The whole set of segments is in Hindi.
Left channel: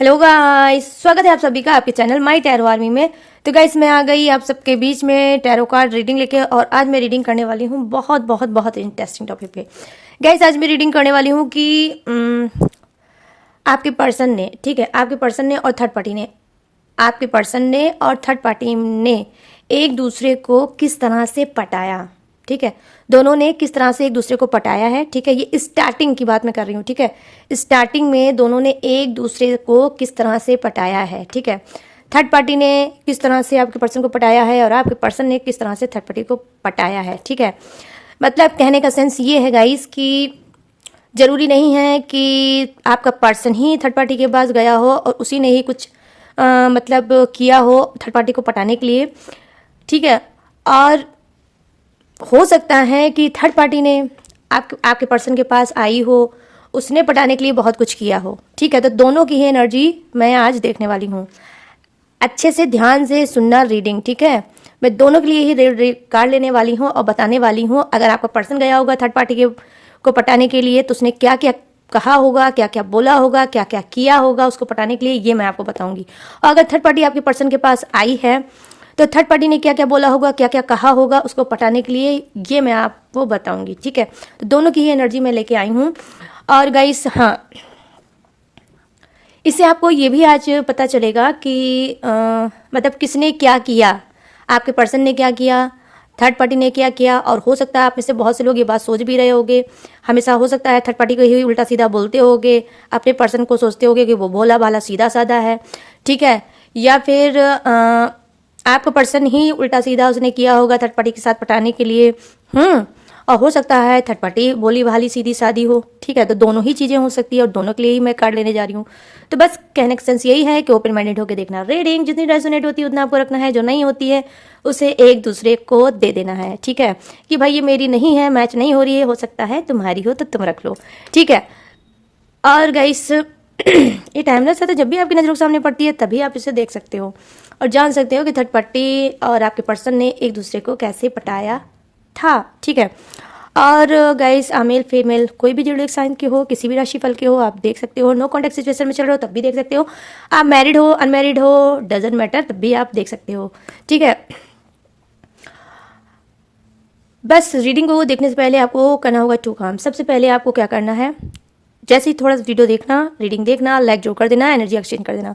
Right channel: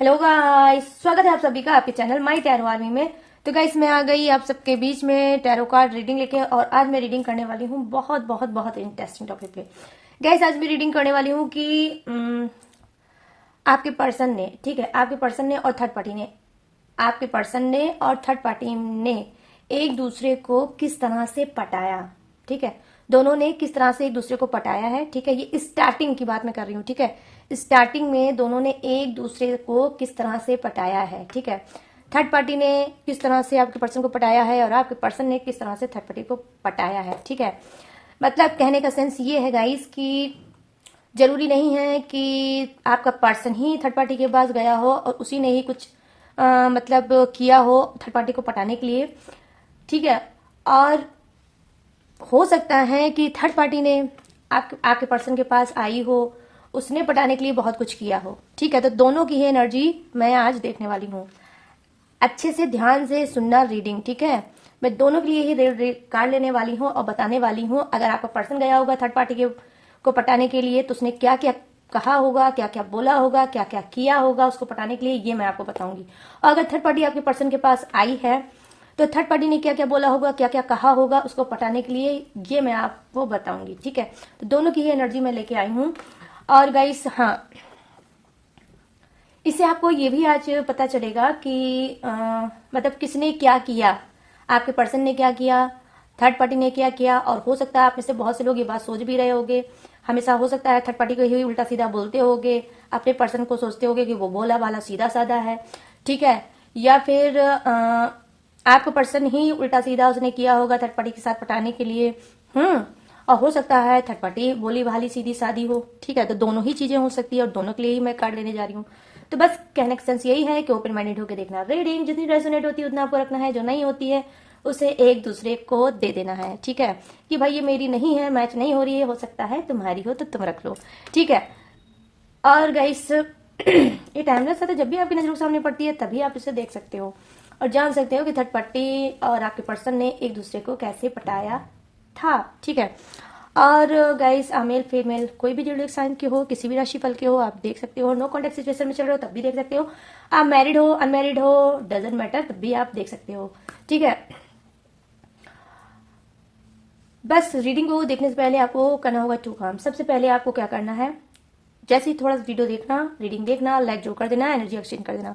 हेलो गाइस, स्वागत है आप सभी का आपके चैनल माई टैरो आर्मी में। तो गाइस मैं आ गई आप सबके बीच में टैरो कार्ड रीडिंग लेके, और आज मैं रीडिंग करने वाली हूँ बहुत बहुत बहुत इंटरेस्टिंग टॉपिक पे। गाइस आज मैं रीडिंग करने वाली हूँ कि आपके पर्सन ने, ठीक है, आपके पर्सन ने और थर्ड पार्टी ने, आपके पर्सन ने और थर्ड पार्टी ने एक दूसरे को किस तरह से पटाया। ठीक है, दोनों ने किस तरह से एक दूसरे को पटाया है। ठीक है, ये स्टार्टिंग की बात मैं कर रही हूँ। ठीक है, स्टार्टिंग में दोनों ने एक दूसरे को किस तरह से पटाया है। ठीक है, थर्ड पार्टी ने किस तरह से आपके पर्सन को पटाया है और आपके पर्सन ने किस तरह से थर्ड पार्टी को पटाया है। ठीक है, मतलब कहने का सेंस ये है गाइस कि जरूरी नहीं है कि आपका पर्सन ही थर्ड पार्टी के पास गया हो और उसी ने ही कुछ मतलब किया हो थर्ड पार्टी को पटाने के लिए। ठीक है, और हो सकता है कि थर्ड पार्टी ने आपके पर्सन के पास आई हो, उसने पटाने के लिए बहुत कुछ किया हो। ठीक है, तो दोनों की ही एनर्जी मैं आज देखने वाली हूँ। अच्छे से ध्यान से सुनना रीडिंग। ठीक है, मैं दोनों के लिए ही कार्ड लेने वाली हूँ और बताने वाली हूँ। अगर आपका पर्सन गया होगा थर्ड पार्टी के को पटाने के लिए तो उसने क्या क्या कहा होगा, क्या क्या बोला होगा, क्या क्या किया होगा उसको पटाने के लिए, ये मैं आपको बताऊंगी। और अगर थर्ड पार्टी आपके पर्सन के पास आई है तो थर्ड पार्टी ने क्या क्या बोला होगा, क्या क्या कहा होगा उसको पटाने के लिए, ये मैं आपको बताऊंगी। ठीक है, तो दोनों की ही एनर्जी मैं लेके आई हूँ। और गाइस हाँ, इससे आपको ये भी आज पता चलेगा कि मतलब किसने क्या किया, आपके पर्सन ने क्या किया, थर्ड पार्टी ने क्या किया। और हो सकता है आप में से बहुत से लोग ये बात सोच भी रहे होंगे, हमेशा हो सकता है थर्ड पार्टी को ही उल्टा सीधा बोलते होगे, अपने पर्सन को सोचते होगे कि वो भोला भाला सीधा साधा है। ठीक है, या फिर आपका पर्सन ही उल्टा सीधा उसने किया होगा थर्ड पार्टी के साथ पटाने के लिए। और हो सकता है थर्ड पार्टी भोली भाली सीधी सादी हो। ठीक है, तो दोनों ही चीज़ें हो सकती है और दोनों के लिए ही मैं कार्ड लेने जा रही हूँ। तो बस कहने का सेंस यही है कि ओपन माइंडेड होकर देखना। रीडिंग जितनी रेजोनेट होती है उतना आपको रखना है, जो नहीं होती है उसे एक दूसरे को दे देना है। ठीक है, कि भाई ये मेरी नहीं है, मैच नहीं हो रही है, हो सकता है तुम्हारी हो तो तुम रख लो। ठीक है, और गाइस ये टाइमलेस है, तो जब भी आपकी नज़रों के सामने पड़ती है तभी आप इसे देख सकते हो और जान सकते हो कि थर्ड पार्टी और आपके पर्सन ने एक दूसरे को कैसे पटाया था। ठीक है, और गाइस मेल फीमेल कोई भी ज़ोडिएक साइन के हो, किसी भी राशि फल के हो, आप देख सकते हो। नो कॉन्टेक्ट सिचुएशन में चल रहे हो तब भी देख सकते हो। आप मैरिड हो अनमैरिड हो डजेंट मैटर, तब भी आप देख सकते हो। ठीक है, बस रीडिंग को देखने से पहले आपको करना होगा 2 काम। सबसे पहले आपको क्या करना है, जैसे ही थोड़ा सा वीडियो देखना, रीडिंग देखना, लाइक जो कर देना, एनर्जी एक्सचेंज कर देना।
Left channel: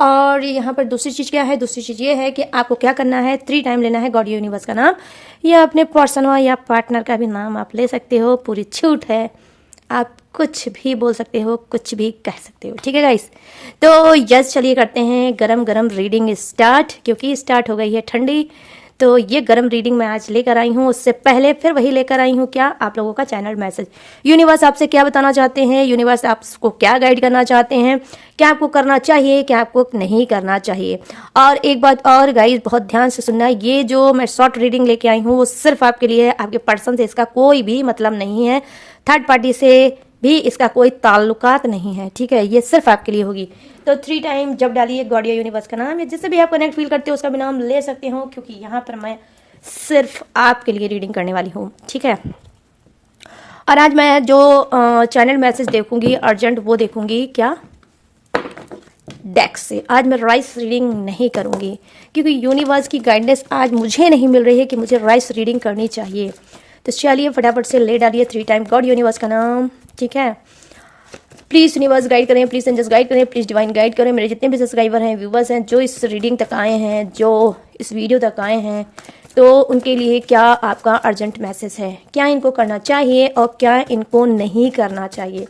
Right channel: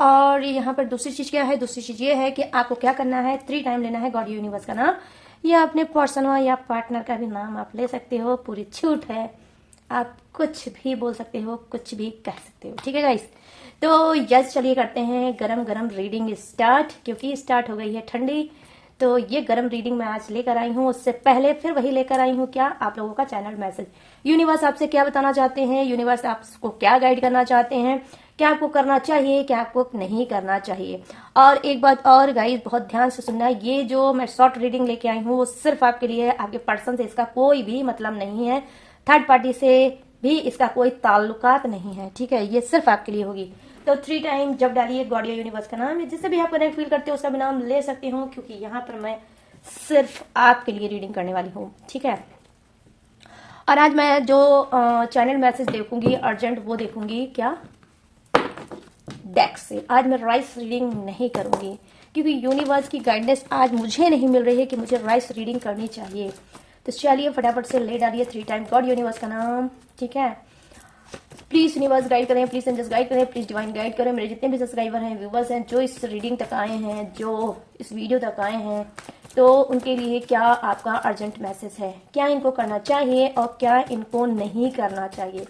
और यहाँ पर दूसरी चीज़ क्या है, दूसरी चीज़ ये है कि आपको क्या करना है, 3 टाइम लेना है गॉड यूनिवर्स का नाम, या अपने पर्सन या पार्टनर का भी नाम आप ले सकते हो, पूरी छूट है, आप कुछ भी बोल सकते हो, कुछ भी कह सकते हो। ठीक है गाइस, तो यस चलिए करते हैं गरम गरम रीडिंग स्टार्ट, क्योंकि स्टार्ट हो गई है ठंडी। तो ये गरम रीडिंग मैं आज लेकर आई हूँ, उससे पहले फिर वही लेकर आई हूँ क्या, आप लोगों का चैनल मैसेज। यूनिवर्स आपसे क्या बताना चाहते हैं, यूनिवर्स आपको क्या गाइड करना चाहते हैं, क्या आपको करना चाहिए, क्या आपको नहीं करना चाहिए। और एक बात और गाइस, बहुत ध्यान से सुनना, ये जो मैं शॉर्ट रीडिंग लेके आई हूँ वो सिर्फ आपके लिए है, आपके पर्सन से इसका कोई भी मतलब नहीं है, थर्ड पार्टी से भी इसका कोई ताल्लुकात नहीं है। ठीक है, ये सिर्फ आपके लिए होगी। तो 3 टाइम जब डालिए गॉड या यूनिवर्स का नाम, या जिससे भी आप कनेक्ट फील करते हो उसका भी नाम ले सकते हो, क्योंकि यहाँ पर मैं सिर्फ आपके लिए रीडिंग करने वाली हूँ। ठीक है, और आज मैं जो चैनल मैसेज देखूंगी अर्जेंट, वो देखूंगी क्या, डेक्स से। आज मैं राइस रीडिंग नहीं करूंगी, क्योंकि यूनिवर्स की गाइडेंस आज मुझे नहीं मिल रही है कि मुझे राइस रीडिंग करनी चाहिए। तो चलिए फटाफट से ले डालिए 3 टाइम गॉड यूनिवर्स का नाम। ठीक है, प्लीज़ यूनिवर्स गाइड करें, प्लीज़ एंजल्स गाइड करें, प्लीज़ डिवाइन गाइड करें। मेरे जितने भी सब्सक्राइबर हैं, व्यूवर्स हैं, जो इस रीडिंग तक आए हैं, जो इस वीडियो तक आए हैं, तो उनके लिए क्या आपका अर्जेंट मैसेज है, क्या इनको करना चाहिए और क्या इनको नहीं करना चाहिए।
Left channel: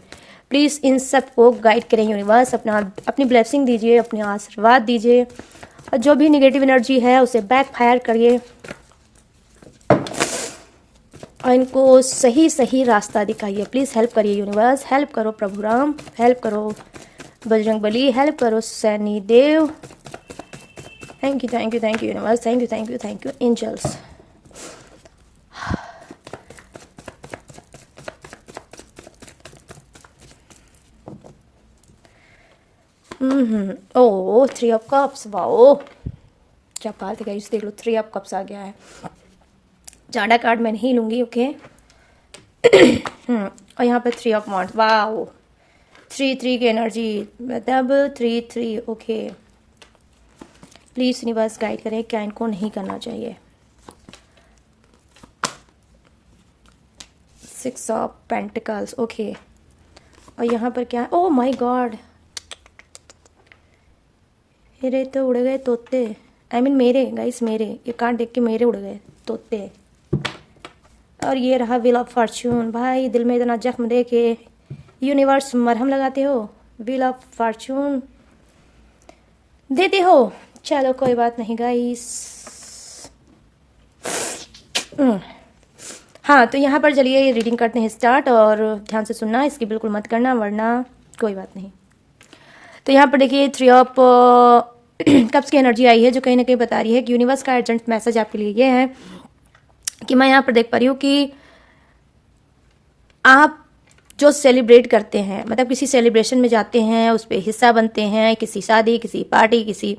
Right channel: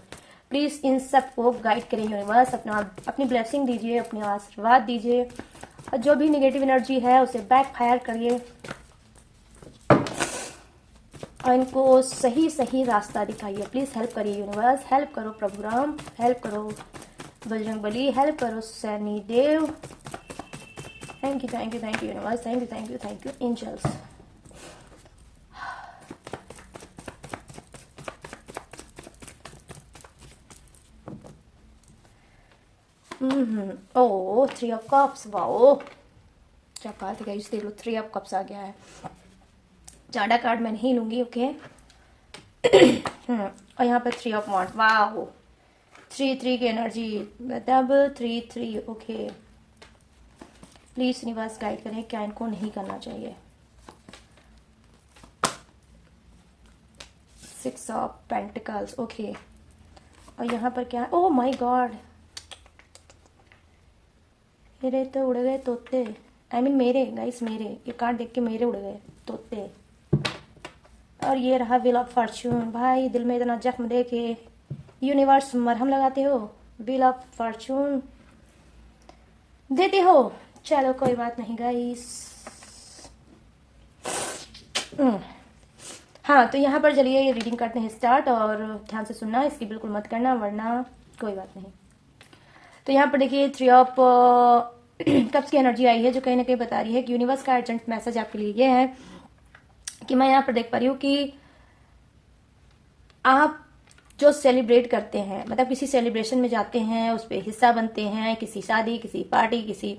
प्लीज़ इन सब को गाइड करें यूनिवर्स, अपनी ब्लेसिंग दीजिए, अपने आशीर्वाद दीजिए, और जो भी निगेटिव एनर्जी है उसे बैक फायर करिए और इनको सही सही रास्ता दिखाइए। प्लीज़ हेल्प करिए यूनिवर्स, हेल्प करो प्रभु राम, हेल्प करो बजरंग बली, हेल्प करो Saini Dev. Thank you universe, thank you angels. Oh 3 of cups, wow क्या कार्ड है गाइस, देख लो 3 ऑफ कप्स आ गया है। ज़्यादा कार्ड मैं नहीं लूँगी, ओके। और यहाँ पे 3 ऑफ वांड्स, वाओ 3 की एनर्जी मतलब 3 ओके। प्लीज यूनिवर्स गाइड करें क्या इनको नहीं करना चाहिए। 6 ऑफ पेंटिकल्स ओके। और यहाँ पर क्या, ओह माय गॉड, मेरे तो उड़ गए तोते। आई मीन मेरे गाइस, मेरे ये कार्ड देख के मेरे उड़ गए तोते। और ये रहा व्हील ऑफ फॉर्च्यून। भाई दिल में इतना जख्म दे के यूनिवर्स मरहम लगाते हो, व्हील ऑफ फॉर्च्यून देते हो। चलो कोई बात नहीं गाइस। हाँ तो यहाँ पर चलिए रीडिंग करते हैं स्टार्ट, और ध्यान से सुनना, इसकी बिल्कुल मत करना वरना कोई बात नहीं। तो यहाँ पर देखिए 3 ऑफ कप्स की एनर्जी आई है जो कहीं ना कहीं बता रही है कि यूनिवर्स का अर्जेंट मैसेज आपके लिए ये है कि मैं यहाँ पर देख पा रही हूँ कि आप जो सेलिब्रेट करते हैं, मतलब किसी सेलिब्रेशन में जाते हैं, उस पर हिस्सा बनते हैं, किसी शादी, किसी पार्टी, किसी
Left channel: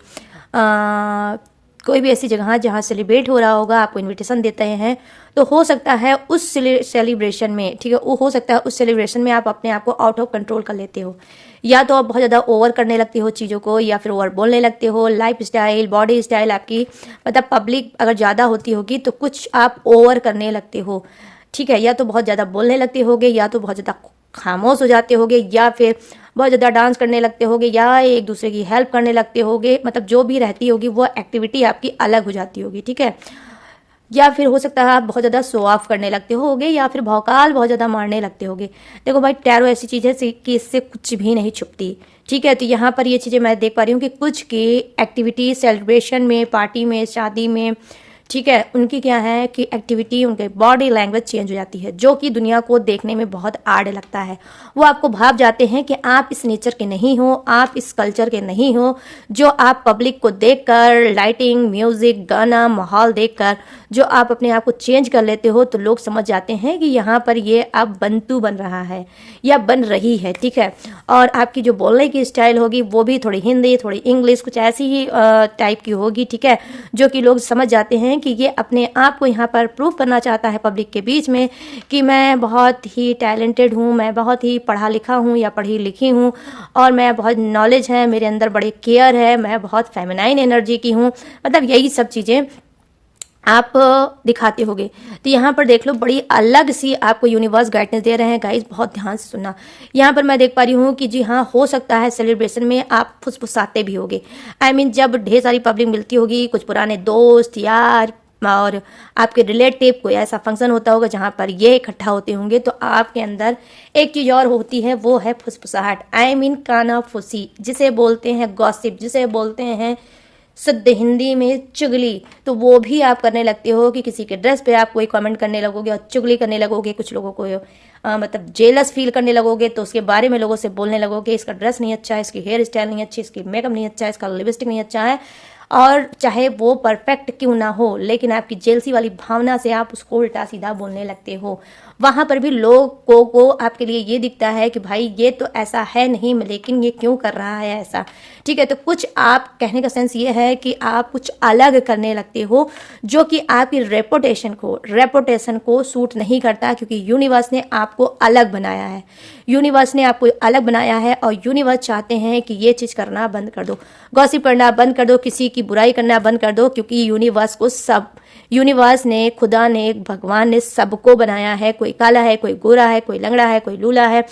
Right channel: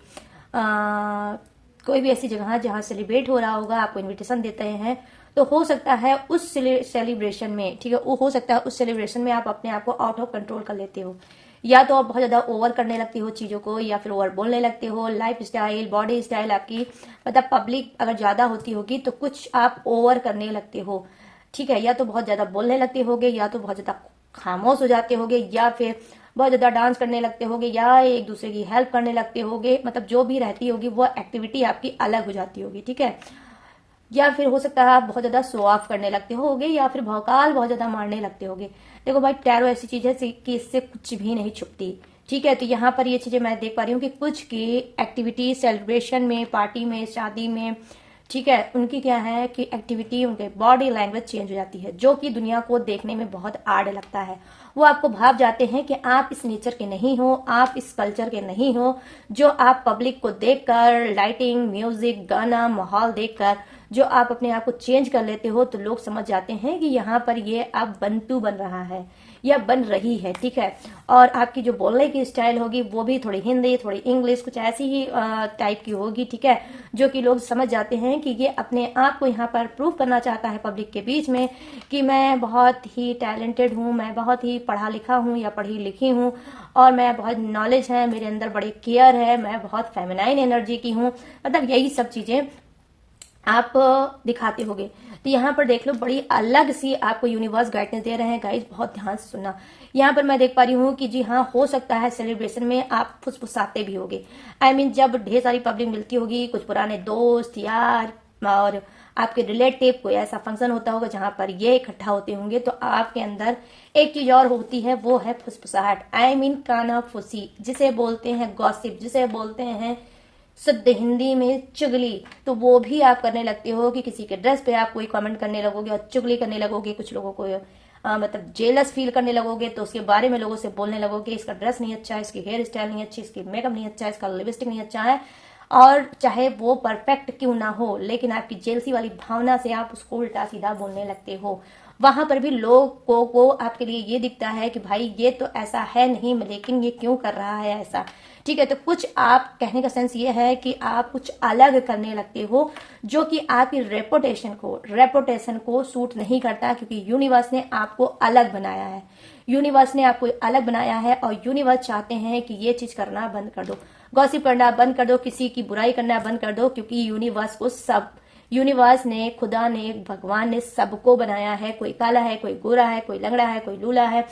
कोई भी ऐसी जगह जहाँ सेलिब्रेट हो रहा होगा, आपको इनविटेशन देते हैं, तो हो सकता है उस सेलिब्रेशन में, ठीक है, वो हो सकता है उस सेलिब्रेशन में आप अपने आप को आउट ऑफ कंट्रोल कर लेते हो, या तो आप बहुत ज़्यादा ओवर करने लगते हो चीज़ों को, या फिर ओवर बोलने लगते हो। लाइफ स्टाइल, बॉडी स्टाइल आपकी, मतलब पब्लिक अगर ज़्यादा होती होगी तो कुछ आप ओवर करने लगते हो, ठीक है, या तो बहुत ज़्यादा बोलने लगते होगे, या तो बहुत ज़्यादा खामोश हो जाते होगे, या फिर बहुत ज़्यादा डांस करने लगते होगे, या एक दूसरे की हेल्प करने लगते होगे, मतलब जो भी रहती होगी वो एक्टिविटी आपकी अलग हो जाती होगी, ठीक है। या फिर हो सकता है आप बहुत ज़्यादा शो ऑफ करने लगते होगे, या फिर भौकाल बहुत ज़्यादा मारने लगते होगे। देखो भाई टैरो ऐसी चीज़ है कि इससे कुछ भी नहीं छुपती, ठीक है। तो यहाँ पर ये चीज़ें मैं देख पा रही हूँ कि कुछ की एक्टिविटी सेलिब्रेशन में, पार्टी में, शादी में, ठीक है, उनकी क्या है कि एक्टिविटी, उनके बॉडी लैंग्वेज चेंज हो जाती है, जो कि दुनिया को देखने में बहुत आड़ लगता है। वो आपको भाव जाते हैं कि आप इस नेचर के नहीं हो, आप इस कल्चर के नहीं हो, जो आप पब्लिक को देखकर, लाइटिंग, म्यूजिक, गाना, माहौल देखकर जो आप अपने आप को चेंज कर लेते हो, तो लोग समझ जाते हैं कि यहाँ पर ये अब बंतू बन रहा है या बन रही है, ठीक है। और आपकी जो बोलने की स्टाइल होगी वो भी थोड़ी हिंदी, थोड़ी इंग्लिश, कुछ ऐसी ही टाइप की होगी, ठीक है, जो कि लोग समझ जाते हैं कि ये अपने आप को यहाँ पर प्रूव करना चाहता है पब्लिक के बीच में कि मैं बहुत ही टैलेंटेड हूँ, मैं बहुत ही पढ़ा लिखा हूँ या पढ़ी लिखी हूँ, और मैं बहुत नॉलेज है, मेरे अंदर बड़े केयर है, मैं बहुत फेमिनाइन एनर्जी की हूँ, मतलब यही सब चीज़ें आप दिखाते होगे। तो यहाँ पर देख लो बड़ी अलग सी आपको यूनिवर्स गाइडेंस दे रहे हैं गाइस, बहुत ध्यान से सुनना। यहाँ पर मैं देख पा रही हूँ कि जी हाँ, हो सकता है सेलिब्रेशन में आप फुसफुसाते भी होगे। आई मीन जब ढेर सारी पब्लिक मिलती होगी, कुछ पुराने दोस्त, यार और आपके रिलेटिव, कोई ऐसा फंक्शन होता होगा जहाँ पर ये इकट्ठा होते होंगे, तो आपके अंदर एक चीज़ और होती है, वो है फुसफुसाहट। आई मीन कानाफूसी, जिसे बोलते हैं गॉसिप, जिसे बोलते हैं शुद्ध हिंदी में चुगली। तो वो भी आप करने लगते हो कि किसी के ड्रेस पे आप कोई कमेंट करने लगोगे और चुगली करने लगोगे, कुछ लोगों को मतलब जेलस फील करने लगोगे, तो उसके बारे में लोगों से बोलने लगोगे, इसका ड्रेस नहीं अच्छा है, इसकी हेयर स्टाइल नहीं अच्छी, इसकी मेकअप नहीं अच्छा है, इसका लिपस्टिक नहीं अच्छा है, और चाहे वो परफेक्ट क्यों ना हो, लेकिन आपकी जेलसी वाली भावना से आप उसको उल्टा सीधा बोलने लगते हो। वहां पर भी लोगों को आपके लिए ये दिखता है कि भाई ये तो ऐसा है नहीं, लेकिन ये क्यों कर रहा है ऐसा, ठीक है। तो कुछ आप कहने का सेंस ये है कि आप कुछ अलग करने लगते हो, जो कि आपकी रेपुटेशन को सूट नहीं करता, क्योंकि यूनिवर्स ने आपको अलग बनाया है, यूनिवर्स ने आपको अलग बनाया है, और यूनिवर्स चाहते हैं कि ये चीज़ करना बंद कर दो, गॉसिप करना बंद कर दो, किसी की बुराई करना बंद कर दो, क्योंकि यूनिवर्स ने, खुदा ने, भगवान ने सबको बनाया है। कोई काला है, कोई गोरा है, कोई लंगड़ा है, कोई लूला है,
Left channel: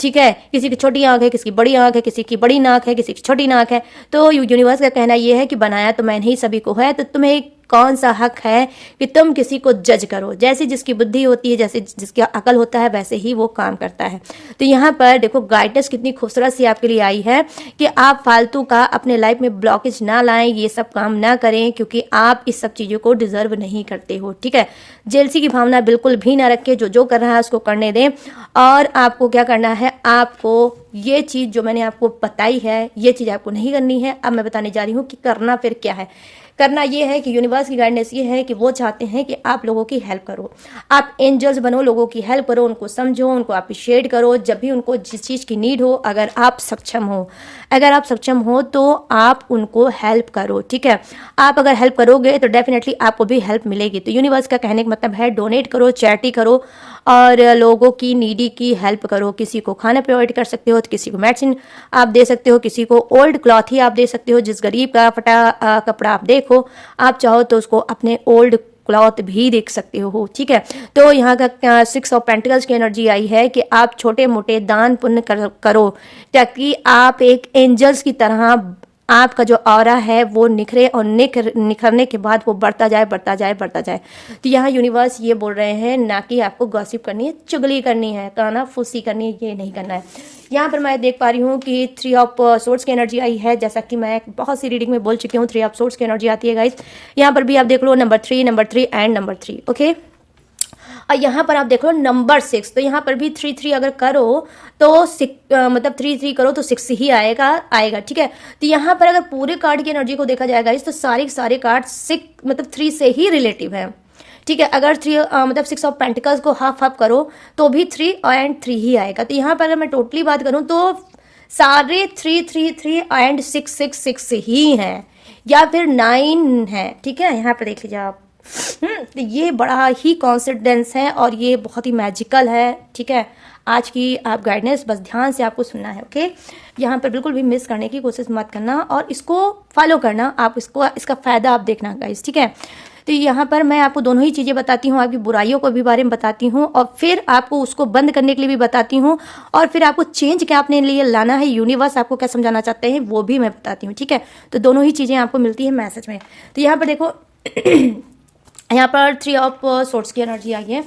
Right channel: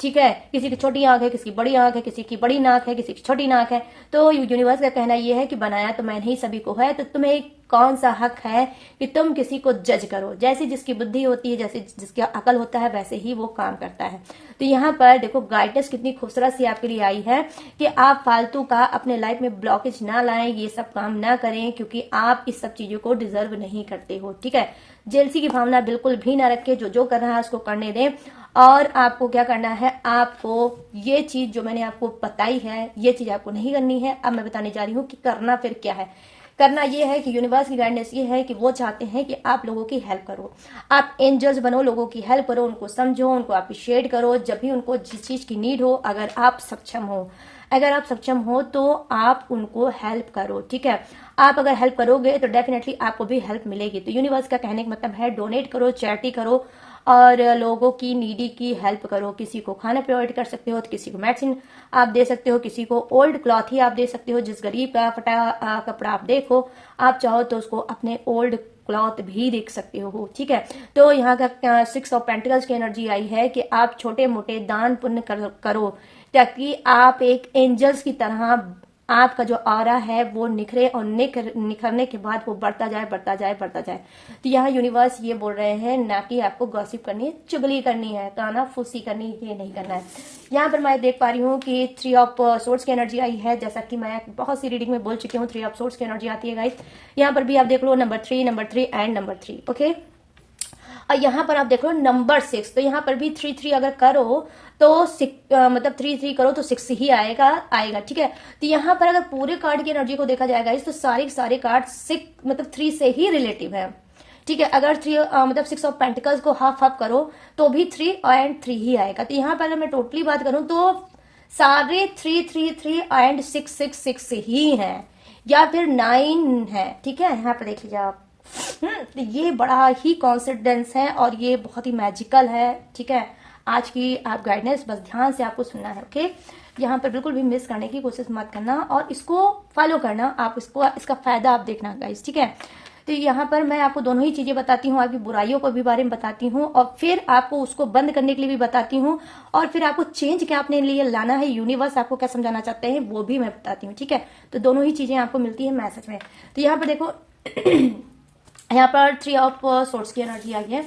ठीक है, किसी की छोटी आंख है, किसी की बड़ी आंख है, किसी की बड़ी नाक है, किसी की छोटी नाक है। तो यूनिवर्स का कहना यह है कि बनाया तो मैंने ही सभी को है, तो तुम्हें कौन सा हक है कि तुम किसी को जज करो। जैसी जिसकी बुद्धि होती है, जैसे जिसका अकल होता है, वैसे ही वो काम करता है। तो यहाँ पर देखो गाइडेंस कितनी खूबसूरत सी आपके लिए आई है कि आप फालतू का अपने लाइफ में ब्लॉकेज ना लाएं, ये सब काम ना करें, क्योंकि आप इस सब चीज़ों को डिजर्व नहीं करते हो, ठीक है। जेलसी की भावना बिल्कुल भी ना रखें, जो कर रहा है उसको करने दें। और आपको क्या करना है, आपको ये चीज़ जो मैंने आपको बताई है, ये चीज़ आपको नहीं करनी है। अब मैं बताने जा रही हूँ कि करना फिर क्या है। करना ये है कि यूनिवर्स की गाइडेंस ये है कि वो चाहते हैं कि आप लोगों की हेल्प करो, आप एंजल्स बनो, लोगों की हेल्प करो, उनको समझो, उनको अप्रिशिएट करो, जब भी उनको जिस चीज़ की नीड हो, अगर आप सक्षम हो तो आप उनको हेल्प करो, ठीक है। आप अगर हेल्प करोगे तो डेफिनेटली आपको भी हेल्प मिलेगी। तो यूनिवर्स का कहने का मतलब है डोनेट करो, चैरिटी करो, और लोगों की नीडी की हेल्प करो। किसी को खाना प्रोवाइड कर सकते हो तो किसी को मेडिसिन आप दे सकते हो, किसी को ओल्ड क्लॉथ ही आप दे सकते हो। जिस गरीब का फटा कपड़ा आप देखो, आप चाहो तो उसको अपने ओल्ड क्लॉथ भी देख सकते हो, ठीक है। तो यहाँ का 6 ऑफ पेंटिकल्स की एनर्जी आई है कि आप छोटे मोटे दान पुण्य करो ताकि आप एक एंजल्स की तरह आपका जो ऑरा है वो निखरे और निखरने के बाद वो बढ़ता जाए बढ़ता जाए बढ़ता जाए। तो यहाँ यूनिवर्स ये बोल रहे हैं ना कि आपको गॉसिप करनी है, चुगली करनी है, काना फूसी करनी है, ये नहीं करना है। यहाँ पर मैं देख पा रही हूँ कि 3 ऑफ सोर्ड्स की एनर्जी आई है, जैसा कि मैं बहुत सी रीडिंग में बोल चुकी हूँ 3 ऑफ सोर्ड्स की एनर्जी आती है गाइस। यहाँ पर भी आप देख लो नंबर 3 एंड नंबर 3, ओके। और यहाँ पर आप देख लो नंबर 6, तो यहाँ पर भी 3 अगर करो तो मतलब 3 करो तो 6 ही आएगा, ठीक है। तो यहाँ पर अगर पूरे कार्ड की एनर्जी को देखा जाएगा इस, तो सारे कार्ड 6 मतलब 3 से ही रिलेटिव है, ठीक है। अगर मतलब 6 ऑफ पेंटिकल्स को हाफ करो तो भी 3 एंड 3 ही आएगा। तो यहाँ पर अगर मैं टोटली बात करूँ तो सारे 3 एंड 6 ही हैं, या फिर 9 है, ठीक है। यहाँ पर देख लीजिए आप। तो ये बड़ा ही कॉन्सिडेंस है और ये बहुत ही मैजिकल है, ठीक है। आज की आप गाइडेंस बस ध्यान से आपको सुनना है, ओके। यहाँ पर बिल्कुल भी मिस करने की कोशिश मत करना और इसको फॉलो करना, आप इसका फायदा आप देखना गाइस, ठीक है। तो यहाँ पर मैं आपको दोनों ही चीज़ें बताती हूँ, आपकी बुराइयों को भी बारे में बताती हूँ और फिर आपको उसको बंद करने के लिए भी बताती हूँ और फिर आपको चेंज क्या अपने लिए लाना है, यूनिवर्स आपको क्या समझाना चाहते हैं वो भी मैं बताती हूँ, ठीक है। तो दोनों ही चीज़ें आपको मिलती है मैसेज में। तो यहाँ पर देखो यहाँ पर 3 ऑफ सोर्ड्स की एनर्जी आई है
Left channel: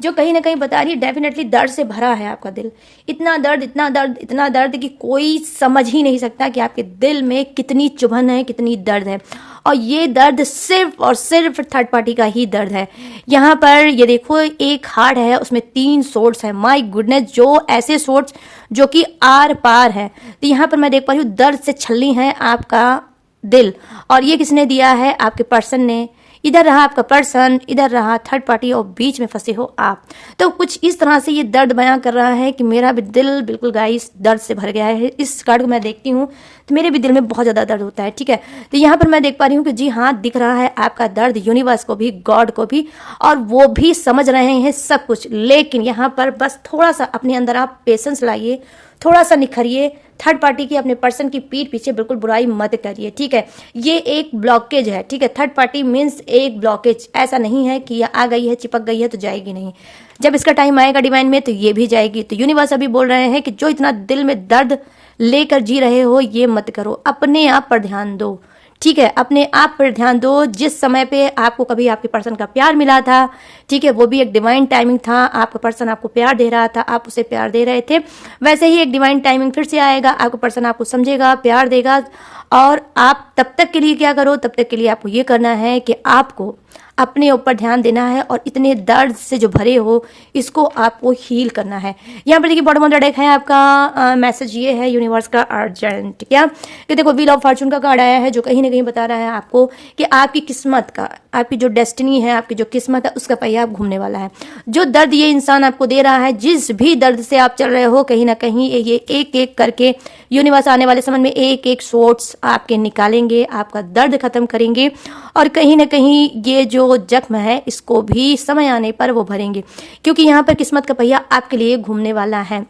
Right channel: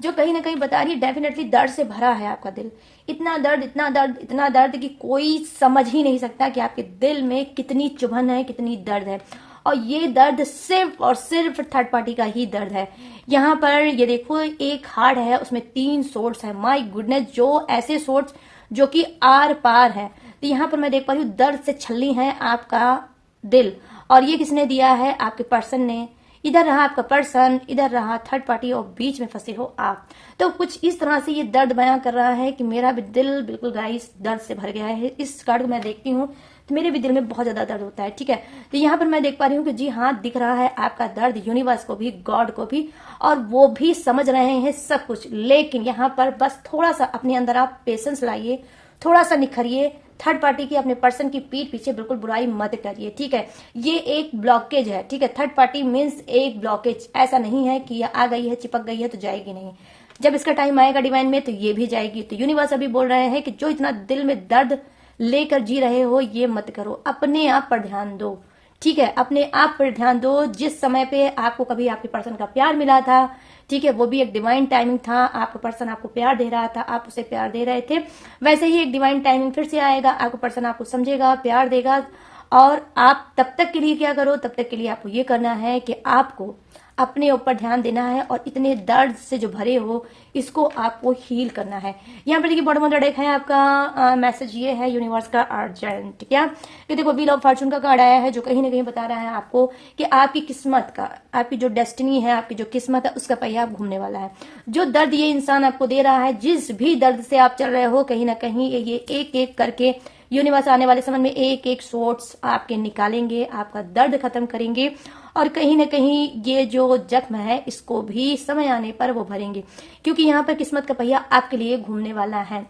जो कहीं ना कहीं बता रही है डेफिनेटली दर्द से भरा है आपका दिल। इतना दर्द इतना दर्द इतना दर्द कि कोई समझ ही नहीं सकता कि आपके दिल में कितनी चुभन है, कितनी दर्द है। और ये दर्द सिर्फ और सिर्फ थर्ड पार्टी का ही दर्द है। यहाँ पर ये देखो एक हार्ट है, उसमें 3 सोर्ड्स है। माय गुडनेस, जो ऐसे सोर्ड्स जो कि आर पार है। तो यहाँ पर मैं देख पा रही हूँ दर्द से छलनी है आपका दिल, और ये किसने दिया है? आपके पर्सन ने। इधर रहा आपका पर्सन, इधर रहा थर्ड पार्टी और बीच में फंसे हो आप। तो कुछ इस तरह से ये दर्द बयां कर रहा है कि मेरा भी दिल बिल्कुल गाइस दर्द से भर गया है। इस कार्ड को मैं देखती हूँ तो मेरे भी दिल में बहुत ज़्यादा दर्द होता है, ठीक है। तो यहाँ पर मैं देख पा रही हूँ कि जी हाँ, दिख रहा है आपका दर्द यूनिवर्स को भी, गॉड को भी, और वो भी समझ रहे हैं सब कुछ। लेकिन यहाँ पर बस थोड़ा सा अपने अंदर आप पेशेंस लाइए, थोड़ा सा निखरिए। थर्ड पार्टी की, अपने पर्सन की पीठ पीछे बिल्कुल बुराई मत करिए, ठीक है। ये एक ब्लॉकेज है, ठीक है। थर्ड पार्टी मीन्स एक ब्लॉकेज, ऐसा नहीं है कि आ गई है, चिपक गई है तो जाएगी नहीं। जब इसका टाइम आएगा डिवाइन में तो ये भी जाएगी। तो यूनिवर्स अभी बोल रहे हैं कि जो इतना दिल में दर्द लेकर जी रहे हो ये मत करो, अपने आप पर ध्यान दो, ठीक है। अपने आप पर ध्यान दो। जिस समय पे आपको कभी आपके पर्सन का प्यार मिला था, ठीक है, वो भी एक डिवाइन टाइमिंग था। आपका पर्सन आपको प्यार दे रहा था, आप उसे प्यार दे रहे थे। वैसे ही एक डिवाइन टाइमिंग फिर से आएगा, आपका पर्सन आपको समझेगा, प्यार देगा। और आप तब तक के लिए क्या करो? तब तक के लिए आपको ये करना है कि आपको अपने ऊपर ध्यान देना है और इतने दर्द से जो भरे हो इसको आपको हील करना है। यहाँ पर देखिए बॉटम ऑफ द डेक है आपका मैसेज ये है यूनिवर्स का अर्जेंट, क्या कि देखो व्हील ऑफ फॉर्चून का कार्ड आया है जो कहीं ना कहीं बता रहा है आपको कि आपकी किस्मत का, आपकी जो डेस्टिनी है, आपकी जो किस्मत है उसका पहिया आप घूमने वाला है। जो दर्द ये इंसान आपको दे रहा है, जिस भी दर्द से आप चल रहे हो, कहीं ना कहीं ये एक एक करके यूनिवर्स आने वाले समय में एक एक सोर्स आपके निकालेंगे, आपका दर्द खत्म करेंगे और कहीं ना कहीं ये जो जख्म है इसको भी समय आने पर वो भरेंगे, क्योंकि यहाँ पर किस्मत का पहिया आपके लिए घूमने वाला है।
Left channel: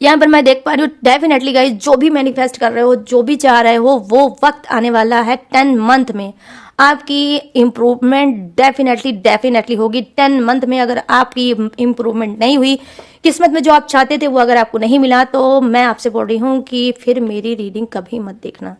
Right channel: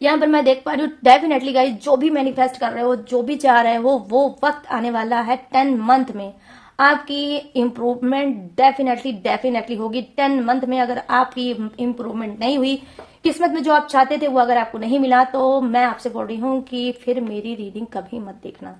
यहाँ पर मैं देख पा रही हूँ डेफिनेटली गाइस, जो भी मैनिफेस्ट कर रहे हो, जो भी चाह रहे हो, वो वक्त आने वाला है 10 मंथ में आपकी इम्प्रूवमेंट डेफिनेटली होगी। 10 मंथ में अगर आपकी इम्प्रूवमेंट नहीं हुई, किस्मत में जो आप चाहते थे वो अगर आपको नहीं मिला, तो मैं आपसे बोल रही हूँ कि फिर मेरी रीडिंग कभी मत देखना,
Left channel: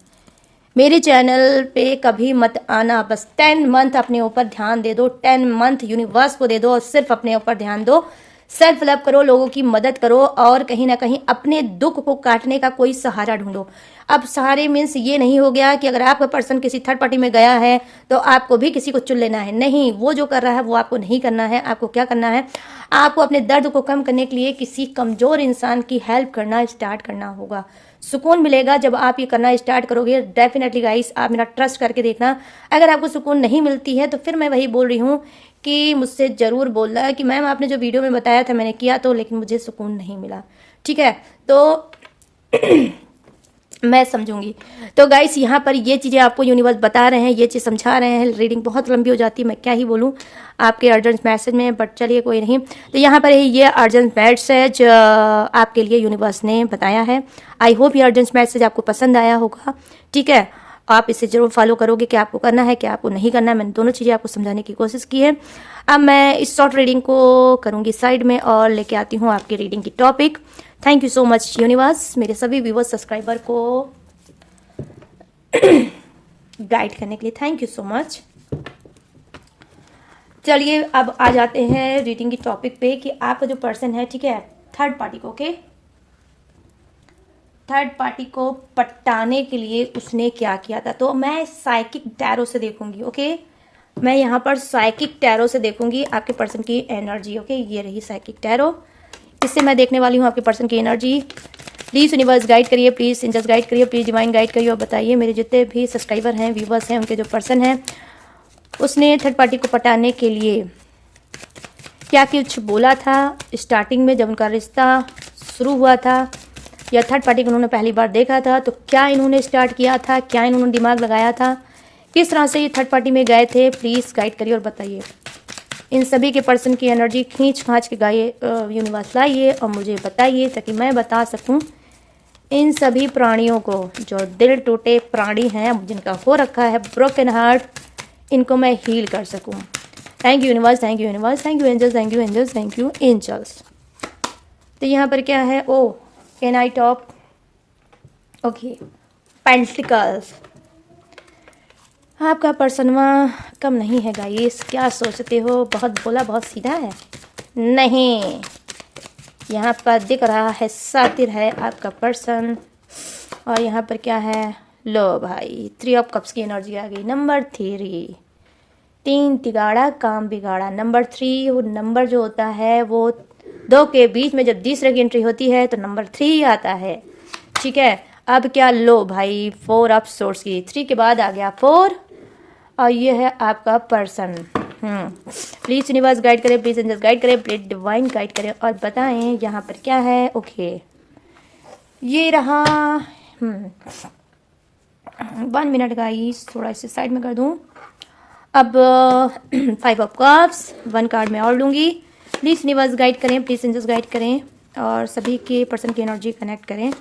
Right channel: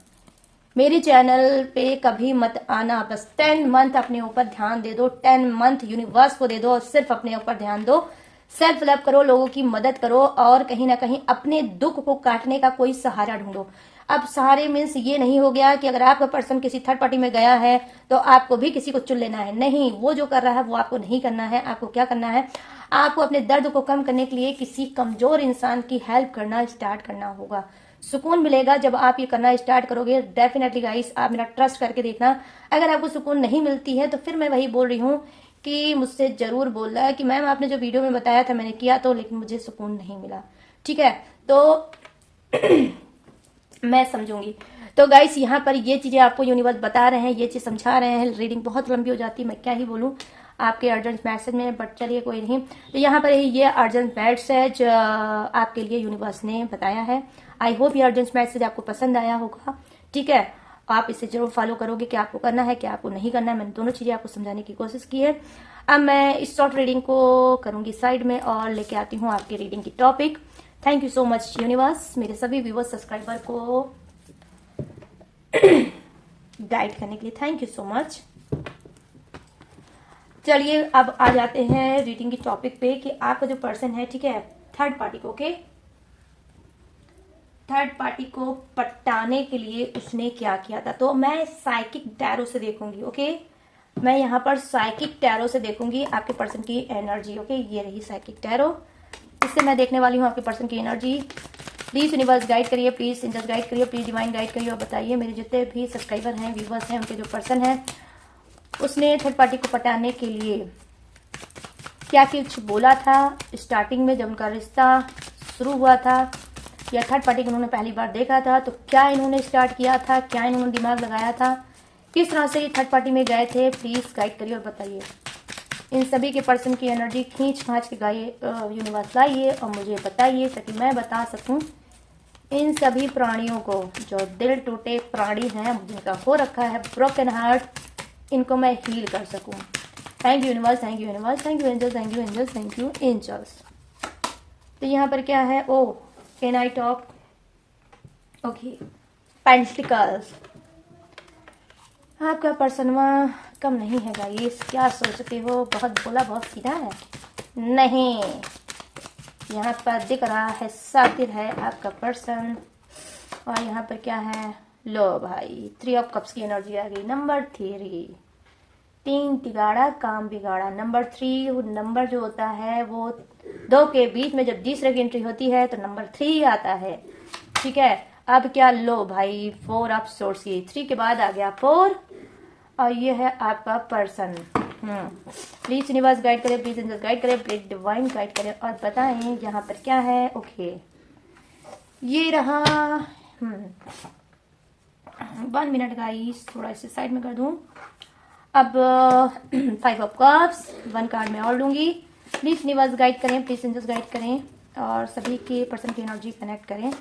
मेरे चैनल पे कभी मत आना। बस 10 मंथ अपने ऊपर ध्यान दे दो, 10 मंथ यूनिवर्स को दे दो और सिर्फ अपने ऊपर ध्यान दो। सेल्फ लव करो, लोगों की मदद करो और कहीं ना कहीं अपने दुख को काटने का कोई सहारा ढूंढो। अब सहारे मीन्स ये नहीं हो गया कि अगर आपका पर्सन किसी थर्ड पार्टी में गया है तो आपको भी किसी को चुन लेना है। नहीं, वो जो कर रहा है वो आपको नहीं करना है। आपको क्या करना है? आपको अपने दर्द को कम करने के लिए किसी कमजोर इंसान की हेल्प करना स्टार्ट करना होगा। सुकून मिलेगा जब आप ये करना स्टार्ट करोगे। डेफिनेटली गाइस, आप मेरा ट्रस्ट करके देखना। अगर आपको सुकून नहीं मिलती है तो फिर मैं वही बोल रही हूँ कि मुझसे ज़रूर बोलना है कि मैम आपने जो वीडियो में बताया था मैंने किया तो, लेकिन मुझे सुकून नहीं मिला, ठीक है। तो मैं समझूंगी। तो गाइस यहाँ पर ये चीज़ें आपको यूनिवर्स बता रहे हैं, ये चीज़ समझा रहे हैं। रीडिंग बहुत लंबी हो जाती है, मैं क्या ही बोलूँ आपके अर्जेंट मैसेज में, बट चलिए कोई नहीं। तो यहाँ पर ये अर्जेंट मैसेज आपके लिए यूनिवर्स ने बताया है। आई होप ये अर्जेंट मैसेज आपको पसंद आया होगा, ठीक है। आप इसे जरूर फॉलो करोगे, क्या आपको करना है क्या आपको नहीं करना है। मैंने दोनों चीज़ें आपको समझाने की कोशिश की है। अब मैं इस शॉर्ट रीडिंग को करूँगी साइड में और लेके आती हूँ आपकी रीडिंग की topic. Thank you so much universe, मेरे सभी व्यूवर्स सब्सक्राइबर को गाइड करने के लिए थैंक यू सो मच। चलिए अब आ जाते हैं रीडिंग की टॉपिक पे कि आपका जो पर्सन है, ठीक है, थर्ड पार्टी को, ओके, थर्ड पार्टी को पटाने के लिए उसने क्या किया था। तो मैं साइकिक टैरो से देखूंगी, ओके, मैं यहाँ पर साइकिक टैरो से देखूंगी आपके पर्सन की एनर्जी, ओके। ये रही साइकिक टैरो, इससे मैं देखने वाली हूँ आपके पर्सन की एनर्जी। प्लीज़ यूनिवर्स गाइड करिए, प्लीज़ एंजल्स गाइड करिए, प्लीज़ डिवाइन गाइड करिए और बताइए मेरे जितने भी सब्सक्राइबर हैं, व्यूवर्स हैं, उनके जो पर्सन हैं उसने थर्ड पार्टी को पटाने के लिए क्या कुछ बोला था स्टार्टिंग में जब उनका रिश्ता शुरू हुआ था, या थर्ड पार्टी को उन्होंने पहली बार देखा था तो क्या इन्होंने स्टार्ट किया था, क्या इन्होंने दिमाग लगाया था, किस तरह से ये थर्ड पार्टी में गए थे। प्लीज़ गाइड करिए और बताइए। इन सभी के पर्सन की एनर्जी खींच खांच के गाइए, यूनिवर्स लाइए और मुझे बताइए ताकि मैं बता सकूं इन सभी प्राणियों को जो दिल टूटे प्राणी हैं, जिनका हो रखा है ब्रोकन हार्ट, इनको मैं हील कर सकूं। Thank you universe, thank you universe, thank you angels, thank you angels, thank you angels. तो यहाँ पर क्या है, oh knight of, okay, pentacles. आपका पर्सन कम नहीं है गाइस, क्या सोचते हो, बहुत बोला बहुत सीधा है, नहीं, यहाँ पर दिख रहा है सातिर है आपका पर्सन। और यहाँ पर क्या है, लो भाई, 3 ऑफ कप्स की एनर्जी आ गई। नंबर 3, 3 तिगाड़ा काम बिगाड़ा। नंबर 3 वो नंबर जो होता है वो 2 के बीच में जब तीसरे की एंट्री होती है तो नंबर 3 आता है, ठीक है। अब क्या, लो भाई, 4 ऑफ सोर्स की, 3 के बाद आ गया 4 और ये है आपका पर्सन। प्लीज यूनिवर्स गाइड करें, प्लीज एंजल्स गाइड करें, प्लीज डिवाइन गाइड करें और बताएं यहाँ पर क्या है। ओके, ये रहा 1 मिनट गाइस, थोड़ा इसे साइड में कर दूं। अब 5 ऑफ कप्स, 1 कार्ड में और लूंगी। प्लीज यूनिवर्स गाइड करें, प्लीज एंजल्स गाइड करें और सभी के पर्सन की एनर्जी कनेक्ट करें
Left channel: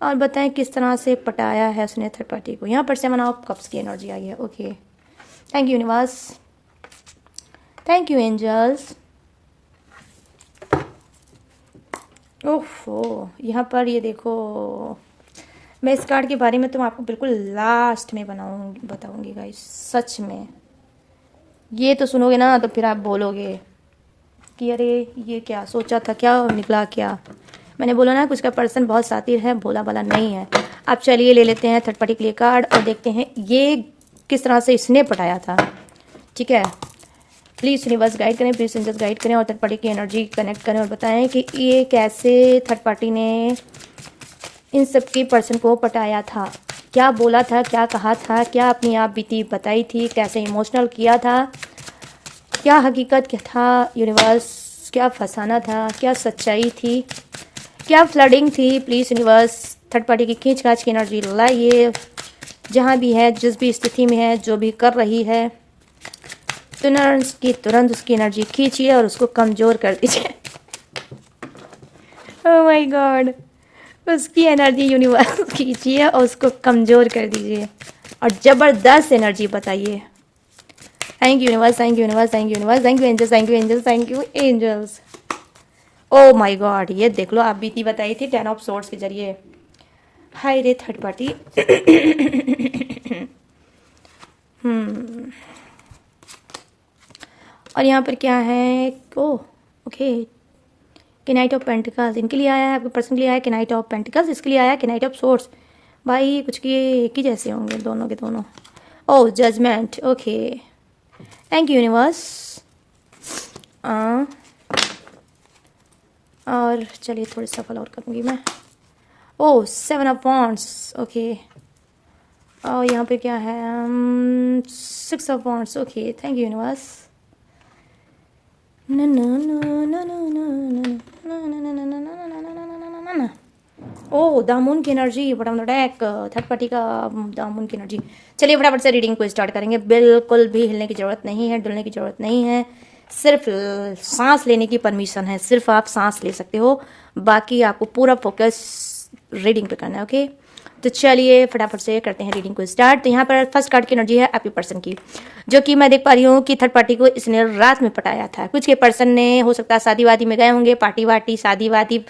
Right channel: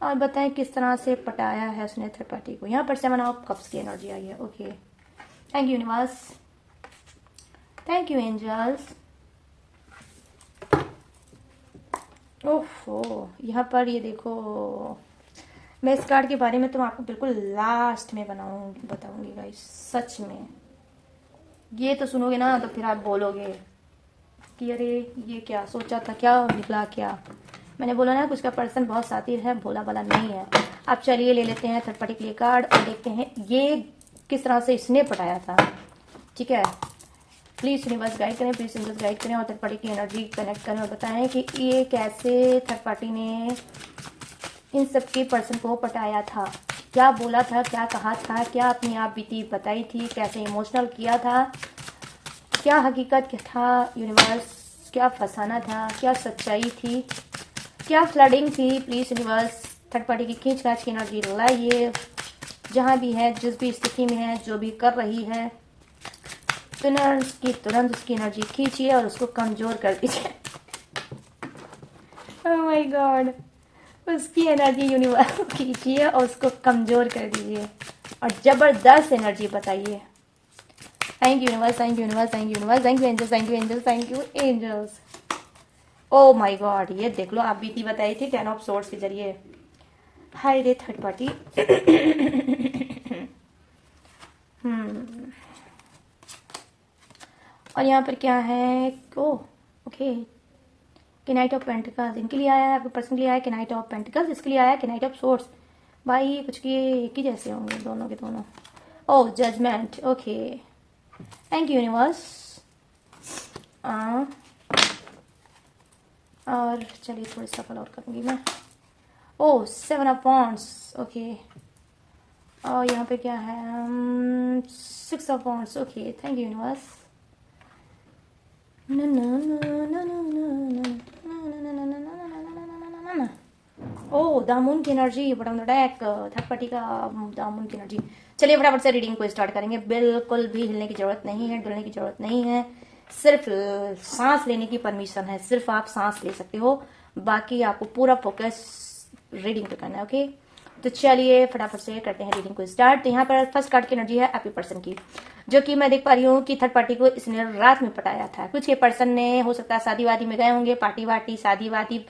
और बताएं किस तरह से पटाया है उसने थर्ड पार्टी को। यहाँ पर 7 ऑफ कप्स की एनर्जी आई है, okay. Thank you universe, thank you angels. ओहो, यहाँ पर ये देखो, मैं इस कार्ड के बारे में तो मैं आपको बिल्कुल लास्ट में बताऊंगी गाइस। सच में ये तो सुनोगे ना तो फिर आप बोलोगे कि अरे ये क्या सोचा था, क्या निकला क्या। मैंने बोला ना कुछ का पर्सन बहुत सातिर है, भोला वाला नहीं है। अब चलिए ले लेते हैं थर्ड पार्टी के लिए कार्ड और देखते हैं ये किस तरह से इसने पटाया था, ठीक है। प्लीज़ यूनिवर्स गाइड करें, प्लीज एंजल्स गाइड करें और थर्ड पार्टी की एनर्जी कनेक्ट करें और बताएं कि ये कैसे थर्ड पार्टी ने इन सबके पर्सन को पटाया था, क्या बोला था, क्या कहा था, क्या अपनी आप बीती बताई थी, कैसे इमोशनल किया था, क्या हकीकत क्या था यूनिवर्स, क्या फंसाना था, क्या सच्चाई थी, क्या फ्लडिंग थी। प्लीज़ यूनिवर्स थर्ड पार्टी की खींच खाच की एनर्जी लाइए, जहाँ भी है, जिस भी स्थिति में है, जो भी कर रही है, तुरंत उसकी एनर्जी खींचिए और उसको कमज़ोर कर दीजिए। ओह माय गॉड, उसकी एनर्जी यूनिवर्स खींचिए और उसको कमज़ोर कर दीजिए और ज़बरदस्त एनर्जी बताइए। Thank you universe, thank you universe, thank you universe, thank you angels, thank you angels, thank you angels. Oh my God, ये देख लो, आप बीती बताई थी 10 ऑफ सोर्ड्स के जरिए। हाय रे थर्ड पार्टी। और यहाँ पर क्या है, ओह ओके, कि नाइट ऑफ पेंटिकल्स इनके लिए आया है, आपके पर्सन के लिए आया है कि नाइट ऑफ पेंटिकल्स, इसके लिए आया है कि नाइट ऑफ सोर्ड्स। भाई कुछ के एक ही जैसे होंगे दोनों के दोनों। Oh judgement, okay, thank you universe. और चलिए थोड़ी सफल और करूँगी मैं। Oh 7 of wands, okay. और यहाँ पे क्या है, 6 of wands, okay, thank you universe. Oh the moon की एनर्जी, फटाफट थर्ड पार्टी का द मून की एनर्जी। चलिए फटाफट से रीडिंग को स्टार्ट करेंगे। बिल्कुल भी हिलने की जरूरत नहीं है, डुलने की जरूरत नहीं है, सिर्फ सांस लेने की परमिशन है। सिर्फ आप सांस ले सकते हो, बाकी आपको पूरा फोकस रीडिंग पे करना है। ओके, तो चलिए फटाफट से करते हैं रीडिंग को स्टार्ट। तो यहाँ पर फर्स्ट कार्ड की एनर्जी है आपके पर्सन की, जो कि मैं देख पा रही हूँ कि थर्ड पार्टी को इसने रात में पटाया था। कुछ के पर्सन ने हो सकता है शादी वादी में गए होंगे, पार्टी वार्टी शादी वादी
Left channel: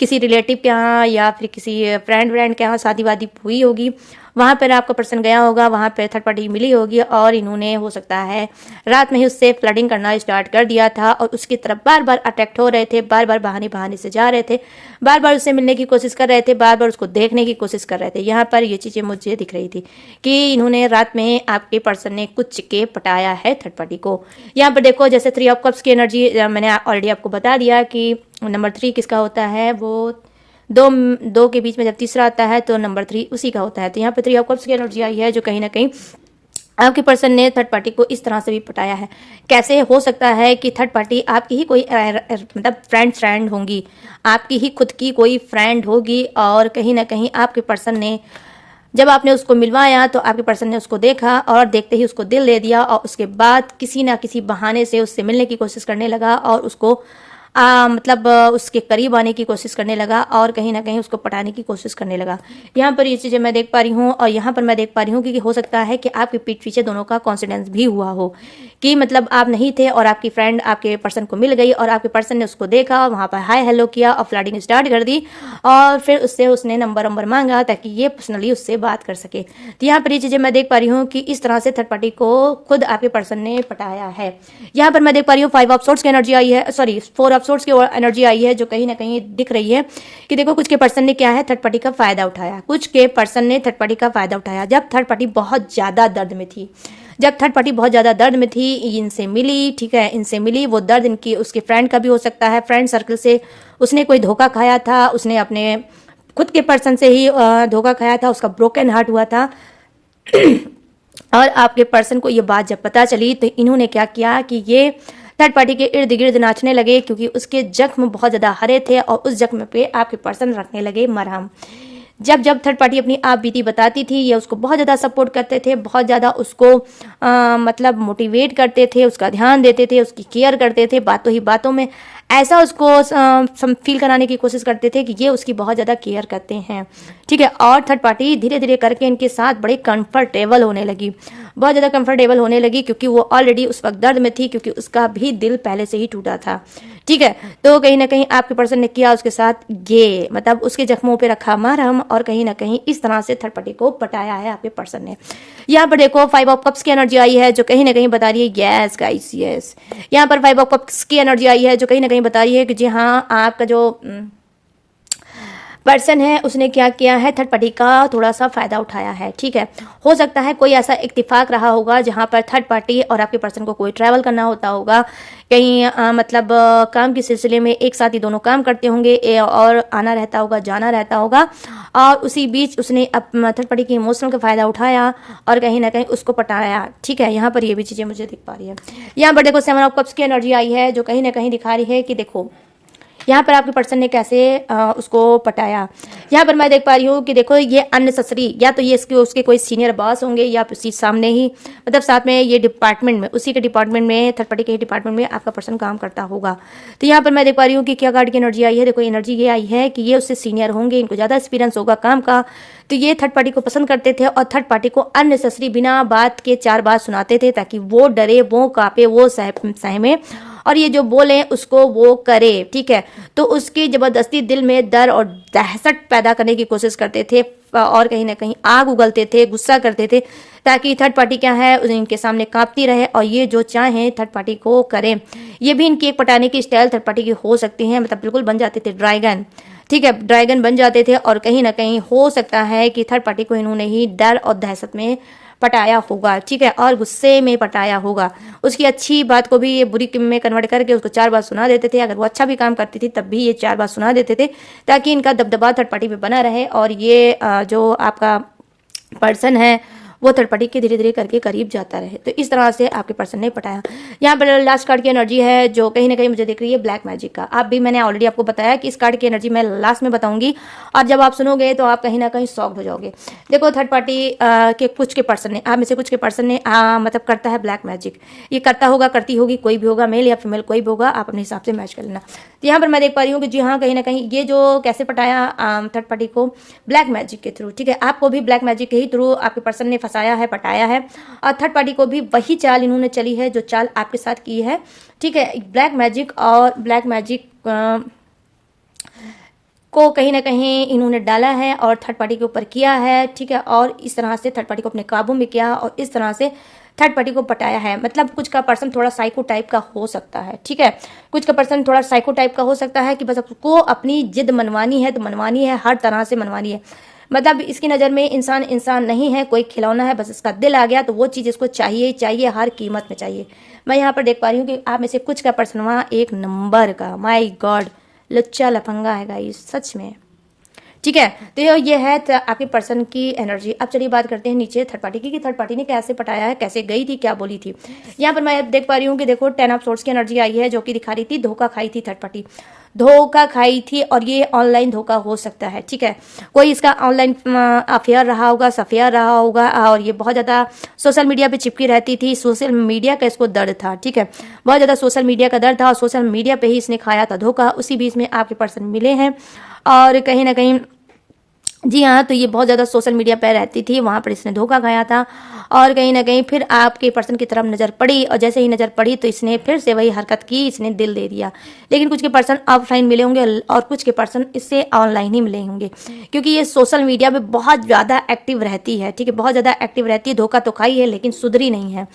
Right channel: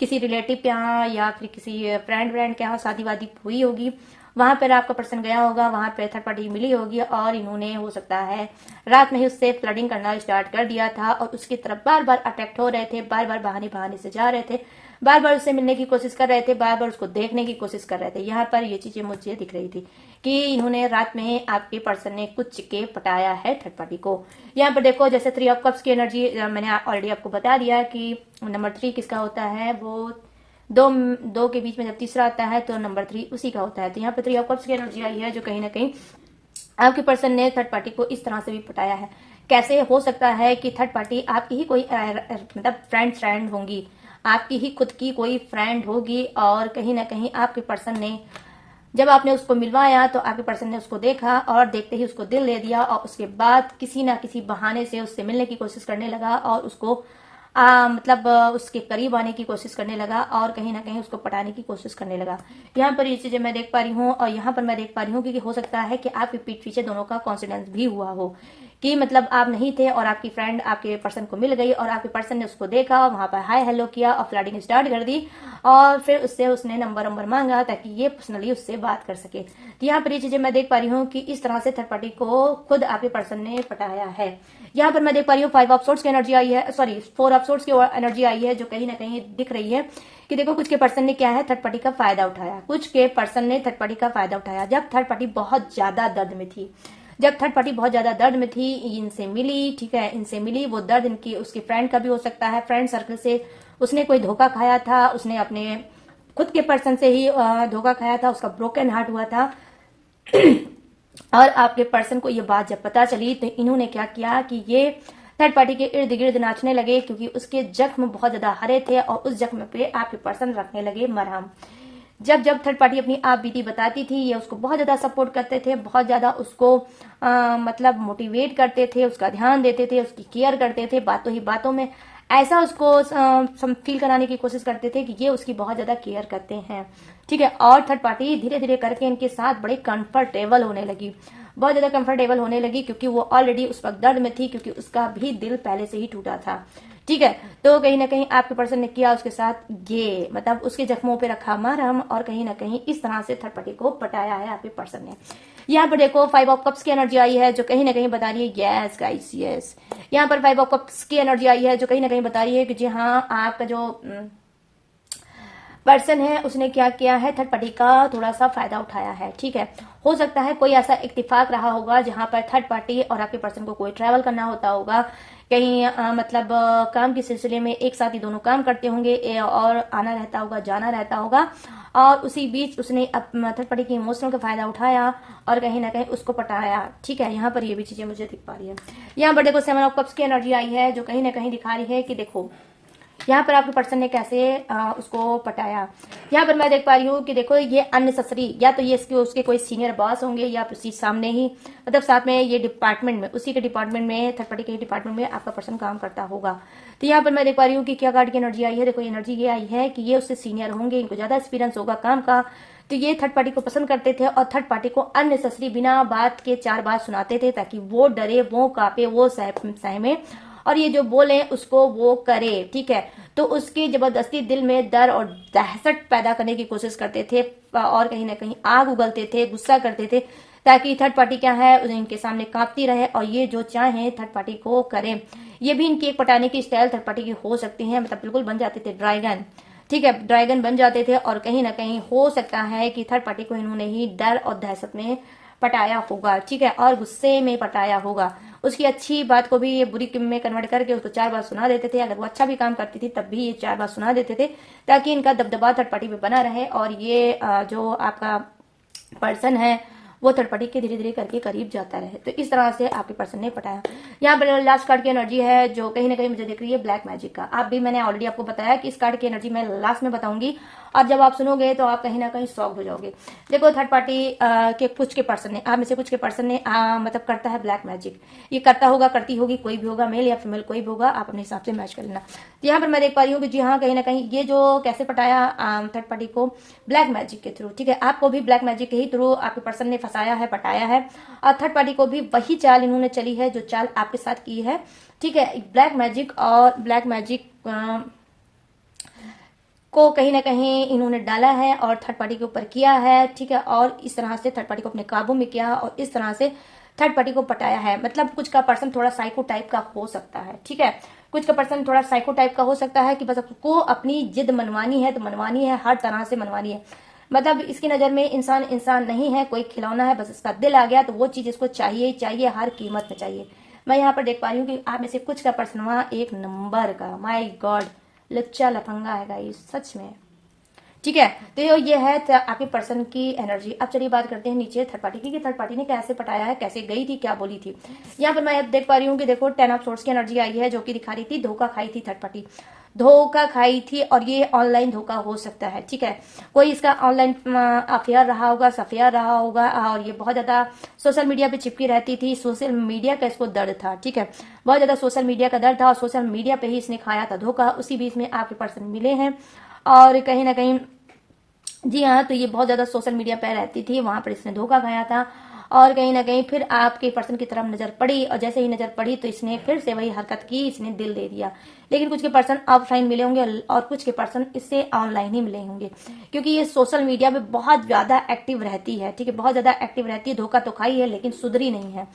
किसी रिलेटिव के यहाँ या फिर किसी फ्रेंड के यहाँ शादी वादी हुई होगी, वहाँ पर आपका पर्सन गया होगा, वहाँ पर थर्ड पार्टी मिली होगी और इन्होंने हो सकता है रात में ही उससे फ्लडिंग करना स्टार्ट कर दिया था और उसकी तरफ बार बार अट्रैक्ट हो रहे थे, बार बार बहाने बहाने से जा रहे थे, बार बार उससे मिलने की कोशिश कर रहे थे, बार बार उसको देखने की कोशिश कर रहे थे। यहाँ पर ये चीज़ें मुझे दिख रही थी कि इन्होंने रात में आपके पर्सन ने कुछ के पटाया है थर्ड पार्टी को। यहाँ पर देखो जैसे 3 ऑफ कप्स की एनर्जी मैंने ऑलरेडी आपको बता दिया कि नंबर 3 किसका होता है, वो दो के बीच में जब तीसरा आता है तो नंबर 3 उसी का होता है। तो यहाँ पे 3 ऑफ कप्स की एनर्जी आई है, जो कहीं ना कहीं आपके पर्सन ने थर्ड पार्टी को इस तरह से भी पटाया है। कैसे हो सकता है कि थर्ड पार्टी आपकी ही कोई मतलब फ्रेंड होंगी, आपकी ही खुद की कोई फ्रेंड होगी और कहीं ना कहीं आपके पर्सन ने जब आपने उसको मिलवाया तो आपके पर्सन ने उसको देखा और देखते ही उसको दिल दे दिया और उसके बाद किसी ना किसी बहाने से उससे मिलने की कोशिश करने लगा और उसको मतलब उसके करीब आने की कोशिश करने लगा और कहीं ना कहीं उसको पटाने की कोशिश करने लगा। यहाँ पर ये चीज़ें मैं देख पा रही हूँ और यहाँ पर मैं देख पा रही हूँ कि हो सकता है कि आपके पीठ पीछे दोनों का कॉन्सिडेंस भी हुआ हो कि मतलब आप नहीं थे और आपकी फ्रेंड आपके पर्सन को मिल गई और आपके पर्सन ने उसको देखा, वहाँ पर हाय हेलो किया और फ्लडिंग स्टार्ट कर दी और फिर उससे उसने नंबर मांगा ताकि ये पर्सनली उससे बात कर सके। तो यहाँ पर ये चीज़ें मैं देख पा रही हूँ कि इस तरह से थर्ड पार्टी को खुद आपके पर्सन ने पटाया है। यहाँ पर मैं देख पा रही हूँ 5 ऑफ सोर्ट्स की एनर्जी आई है, सॉरी 4 ऑफ सोर्ट्स की एनर्जी आई है, जो कहीं ना कहीं दिख रही है कि देखो कुछ के पर्सन ने क्या है थर्ड पार्टी का फायदा उठाया। कुछ के पर्सन ने थर्ड पार्टी का फायदा उठाया जब थर्ड पार्टी बहुत ज्यादा दर्द में थी, जब थर्ड पार्टी बहुत ज्यादा दर्द में थी, इनसे मिली, ठीक है, इनसे मिली, वो दर्द इनकी उसके फ्रेंड का भी हो सकता है, फ्रेंड सर्कल से उसने कोई धोखा खाया था, उसने अपने खुद के पर्सन से ही धोखा खाया था, उसका ब्रोकन हार्ट हुआ था और आपके पर्सन को ये बात जब पता चली तो इन्होंने क्या किया कि ये थर्ड पार्टी के इर्द गिर्द नाचने लगे क्योंकि उसके जख्म बहुत ज़्यादा हरे थे और उस जख्म पे आपके पर्सन रखने लगे मरहम। जब जब थर्ड पार्टी अपनी आप बीती बताती थी ये उसको बहुत ज़्यादा सपोर्ट करते थे, बहुत ज़्यादा उसको मतलब मोटिवेट करते थे, उसका ध्यान देते थे, उसकी केयर करते थे, बातों ही बातों में ऐसा उसको फील कराने की कोशिश करते थे कि ये उसकी बहुत ज़्यादा केयर करते हैं, ठीक है। और थर्ड पार्टी धीरे धीरे करके इनके साथ बड़े कंफर्टेबल होने लगी, बहुत ज़्यादा कंफर्टेबल होने लगी क्योंकि वो ऑलरेडी उस वक्त दर्द में थी, क्योंकि उसका भी दिल पहले से ही टूटा था, ठीक है। तो कहीं ना कहीं आपके पर्सन ने किया उसके साथ ये मतलब उसके जख्मों पे रखा मरहम और कहीं ना कहीं इस तरह से थर्ड पार्टी को पटाया है आपके पर्सन ने। यहाँ पर देखो 5 ऑफ कप्स की एनर्जी आई है, जो कहीं ना कहीं बता रही है यस गाइस यस। यहाँ पर 5 ऑफ कप्स की एनर्जी आई है, जो कहीं ना कहीं बता रही है कि जी हाँ आपका जो पर्सन है उसने क्या किया है थर्ड पार्टी का थोड़ा सा फायदा उठाया है, ठीक है। हो सकता है कोई ऐसा इत्तेफाक रहा होगा जहां पर थर्ड पार्टी और आपके पर्सन को कोई ट्रैवल करना होता होगा, कहीं मतलब काम के सिलसिले में एक साथ ही दोनों काम करते होंगे और आना रहता होगा जाना रहता होगा और उसी बीच उसने थर्ड पार्टी की इमोशनल का फायदा उठाया और कहीं ना कहीं उसको पटाया, ठीक है। यहाँ पर ये भी चीज़ें मुझे दिख पा रही है। यहाँ पर देखो 7 ऑफ कप्स की एनर्जी आई है, जो कहीं ना कहीं दिखा रही है कि देखो यहाँ पर आपके पर्सन ने कैसे उसको पटाया। यहाँ पर मैं देख पा रही हूँ कि देखो ये अननेसेसरी, या तो ये इसके उसके कोई सीनियर बॉस होंगे या उसी सामने ही मतलब साथ में ये डिपार्टमेंट में उसी के डिपार्टमेंट में थर्ड पार्टी के डिपार्टमेंट में आपका पर्सन काम करता होगा। तो यहाँ पर मैं देख पा रही हूँ कि क्या कार्ड की एनर्जी आई है, देखो एनर्जी ये आई है कि ये उससे सीनियर होंगे, इनको ज़्यादा एक्सपीरियंस होगा काम का, तो ये थर्ड पार्टी को पसंद करते थे और थर्ड पार्टी को अननेसेसरी बिना बात के 4 बात सुनाते थे ताकि वो डरे, वो कांपे, वो सहमे और ये जो बोले उसको वो करे, ठीक है। तो उसकी जबरदस्ती दिल में डर और दहशत पैदा करने की कोशिश करते थे और कहीं ना कहीं आग उगलते थे, गुस्सा करते थे ताकि थर्ड पार्टी क्या है इनके सामने कांपती रहे और ये जो चाहे थर्ड पार्टी को करें। ये भी इनकी एक पटाने की स्टाइल थर्ड पार्टी की हो सकती है, मतलब बिल्कुल बन जाते थे ड्रैगन, ठीक है, ड्रैगन बन जाते थे और कहीं ना कहीं हो सकता है कि थर्ड पार्टी को इन्होंने ही डर और दहशत में पटाया होगा, ठीक है, और गुस्से में पटाया होगा। उसकी अच्छी बात को भी ये बुरी में कन्वर्ट करके उसको 4 बार सुना देते थे, अगर वो अच्छा भी काम करती थी तब भी ये 4 बार सुना देते थे ताकि इनका दबदबा थर्ड पार्टी पे बना रहे और ये जो आपका पर्सन है वो थर्ड पार्टी के धीरे धीरे करके करीब जाता रहे। तो इस तरह से आपके पर्सन ने पटाया। यहाँ पर लास्ट कार्ड की एनर्जी है जो कहीं ना कहीं मुझे दिख रही है ब्लैक मैजिक का। आप भी, मैंने ऑलरेडी आपको बताया कि इस कार्ड की एनर्जी मैं लास्ट में बताऊंगी, और जब आप सुनोगे तो आप कहीं ना कहीं शॉक हो जाओगे। देखो थर्ड पार्टी के कुछ के पर्सन ने, आप में से कुछ के पर्सन ने मतलब करता है ब्लैक मैजिक। ये करता होगा, करती होगी, कोई भी होगा, मेल या फीमेल कोई भी होगा, आप अपने हिसाब से मैच कर लेना। तो यहाँ पर मैं देख पा रही हूँ कि जी हाँ, कहीं ना कहीं ये जो कैसे पटाया थर्ड पार्टी को, ब्लैक मैजिक के थ्रू। ठीक है, आपको भी ब्लैक मैजिक के ही थ्रू आपके पर्सन ने फंसाया है, पटाया है, और थर्ड पार्टी को भी वही चाल इन्होंने चली है जो चाल आपके साथ की है। ठीक है, ब्लैक मैजिक और ब्लैक मैजिक को कहीं ना कहीं इन्होंने डाला है और थर्ड पार्टी के ऊपर किया है। ठीक है, और इस तरह से थर्ड पार्टी को अपने काबू में किया और इस तरह से थर्ड पार्टी को पटाया है। मतलब कुछ का पर्सन थोड़ा साइको टाइप का हो सकता है। ठीक है, कुछ का पर्सन थोड़ा साइको टाइप का हो सकता है कि बस आपको अपनी जिद मनवानी है तो मनवानी है, हर तरह से मनवानी है। मतलब इसकी नज़र में इंसान इंसान नहीं है, कोई खिलौना है, बस इसका दिल आ गया तो वो चीज़ इसको चाहिए चाहिए, हर कीमत में चाहिए। मैं यहाँ पर देख पा रही हूँ कि आप में से कुछ का पर्सन वहाँ एक नंबर का, माय गॉड, लच्चा लफंगा है गाइस, सच में। ठीक है, तो ये है आपके पर्सन की एनर्जी। अब चलिए बात करते हैं नीचे थर्ड पार्टी की, कि थर्ड पार्टी ने कैसे पटाया है, कैसे गई थी, क्या बोली थी। यहाँ पर मैं देख पा रही हूँ कि देखो 10 ऑफ सोर्ड्स की एनर्जी आई है जो कि दिखा रही थी धोखा खाई थी थर्ड पार्टी, धोखा खाई थी, और ये ऑनलाइन धोखा हो सकता है। ठीक है, कोई इसका ऑनलाइन अफेयर रहा होगा, सफेयर रहा होगा, और ये बहुत ज़्यादा सोशल मीडिया पे चिपकी रहती थी, सोशल मीडिया का इसको दर्द था। ठीक है, बहुत ज़्यादा सोशल मीडिया का दर्द था और सोशल मीडिया पे ही इसने खाया था धोखा। उसी बीच में आपके पर्सन मिले हैं और कहीं ना कहीं, जी हाँ, तो ये बहुत ज़्यादा सोशल मीडिया पर रहती थी, वहाँ पर इसने धोखा खाया था और कहीं ना कहीं फिर आपके पर्सन की तरफ नज़र पड़ी, और जैसे ही नज़र पड़ी तो इसने फिर से वही हरकत की, इसने दिल दे दिया। लेकिन कुछ के पर्सन ऑफलाइन मिले होंगे और कुछ के पर्सन इससे ऑनलाइन ही मिले होंगे, क्योंकि ये सोशल मीडिया में बहुत ज़्यादा एक्टिव रहती है। ठीक है, बहुत ज़्यादा एक्टिव रहती है, धोखा तो खाई है लेकिन सुधरी नहीं है।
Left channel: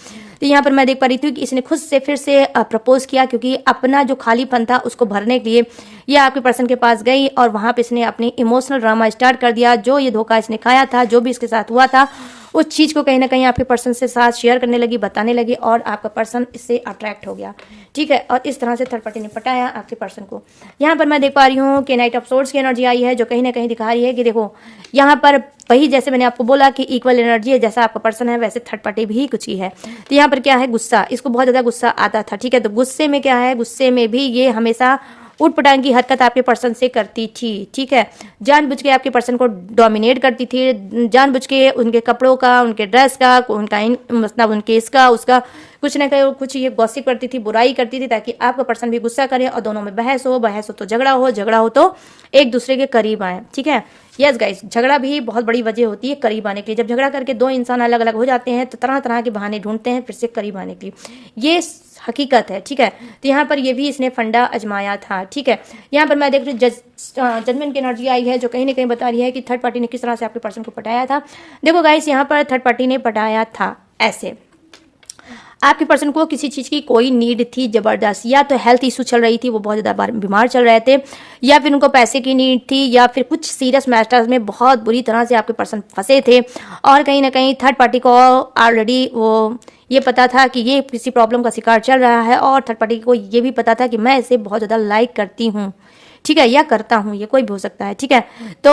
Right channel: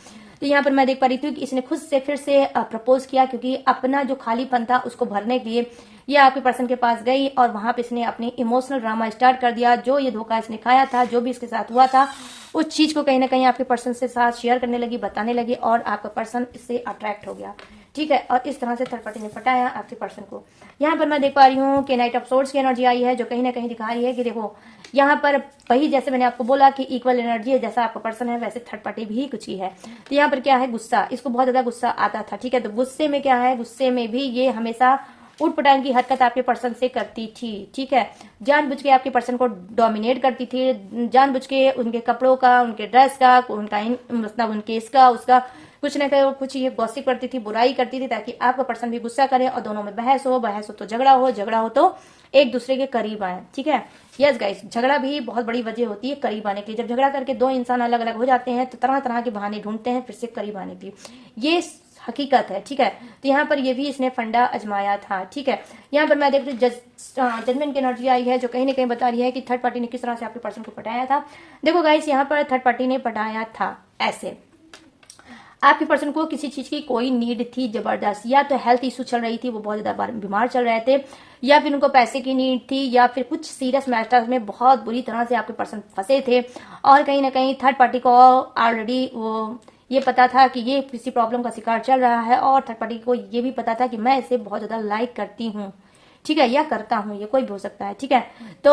तो यहाँ पर मैं देख पा रही थी कि इसने खुद से फिर से प्रपोज किया, क्योंकि अपना जो खालीपन था उसको भरने के लिए ये आपके पर्सन के पास गई और वहाँ पे इसने अपनी इमोशनल ड्रामा स्टार्ट कर दिया। जो ये धोखा इसने खाया था, जो भी इसके साथ हुआ था, उस चीज़ को कहीं ना कहीं आपके पर्सन से साथ शेयर करने लगी, बताने लगी, और आपका पर्सन इससे अट्रैक्ट हो गया। ठीक है, और इस तरह से थर्ड पार्टी ने पटाया आपके पर्सन को। यहाँ पर मैं देख पा रही हूँ कि नाइट ऑफ सोर्ड्स की एनर्जी आई है जो कहीं ना कहीं दिखा रही है कि देखो यहाँ पर वही, जैसे मैंने आपको बोला कि इक्वल एनर्जी है, जैसा आपका पर्सन है वैसे थर्ड पार्टी भी कुछ ही है। तो यहाँ पर क्या है, गुस्सा, इसको बहुत ज़्यादा गुस्सा आता था। ठीक है, तो गुस्से में क्या है, गुस्से में भी ये हमेशा उठ पटांग की हरकत आपके पर्सन से करती थी। ठीक है, जानबूझ के आपके पर्सन को डोमिनेट करती थी, जानबूझ के उनके कपड़ों का, उनके ड्रेस का, उनका मतलब उनके इसका उसका कुछ ना कुछ ये गॉसिप करती थी, बुराई करती थी, ताकि आपका पर्सन भी गुस्सा करे और दोनों में बहस हो, बहस हो तो झगड़ा हो, झगड़ा हो तो एक दूसरे के करीब आए। ठीक है, यस गाइस, झगड़ा भी बहुत बड़ी वजह होती है करीब आने के लिए। जब झगड़ा करके दो इंसान अलग अलग हो जाते हैं तो तरह तरह के बहाने ढूंढते हैं फिर से करीब आने के लिए, ये हकीकत है। ठीक है, तो यहाँ पर ये भी इसने फंडा अजमाया था। ठीक है, यहाँ पर मैं देख रही हूँ जजमेंट की एनर्जी आई है जो कहीं ना कहीं बता रही है कि थर्ड पार्टी ने किस तरह से आपके पर्सन को पटाया था। देखो गाइस, यहाँ पर थर्ड पार्टी ने पटाया था ऐसे, आपके पर्सन को किसी चीज़ की कोई नीड थी ज़बरदस्त, या तो हेल्थ इशू चल रही थी, वो बहुत ज़्यादा बीमार चल रहे थे, या फिर उनको पैसे की नीड थी, या फिर कुछ सीरियस मैटर्स में बहुत बुरी तरह से आपके पर्सन फंसे थे। और कहीं ना कहीं थर्ड पार्टी को ऑलरेडी वो ये पता था कि ये किसी प्रॉब्लम का शिकार चल रहा है, और थर्ड पार्टी को ये भी पता था कि मैं इसे बहुत ज़्यादा लाइक करती हूँ। ठीक है, या करता हूँ, ये कोई भी हो सकता है। ठीक है, तो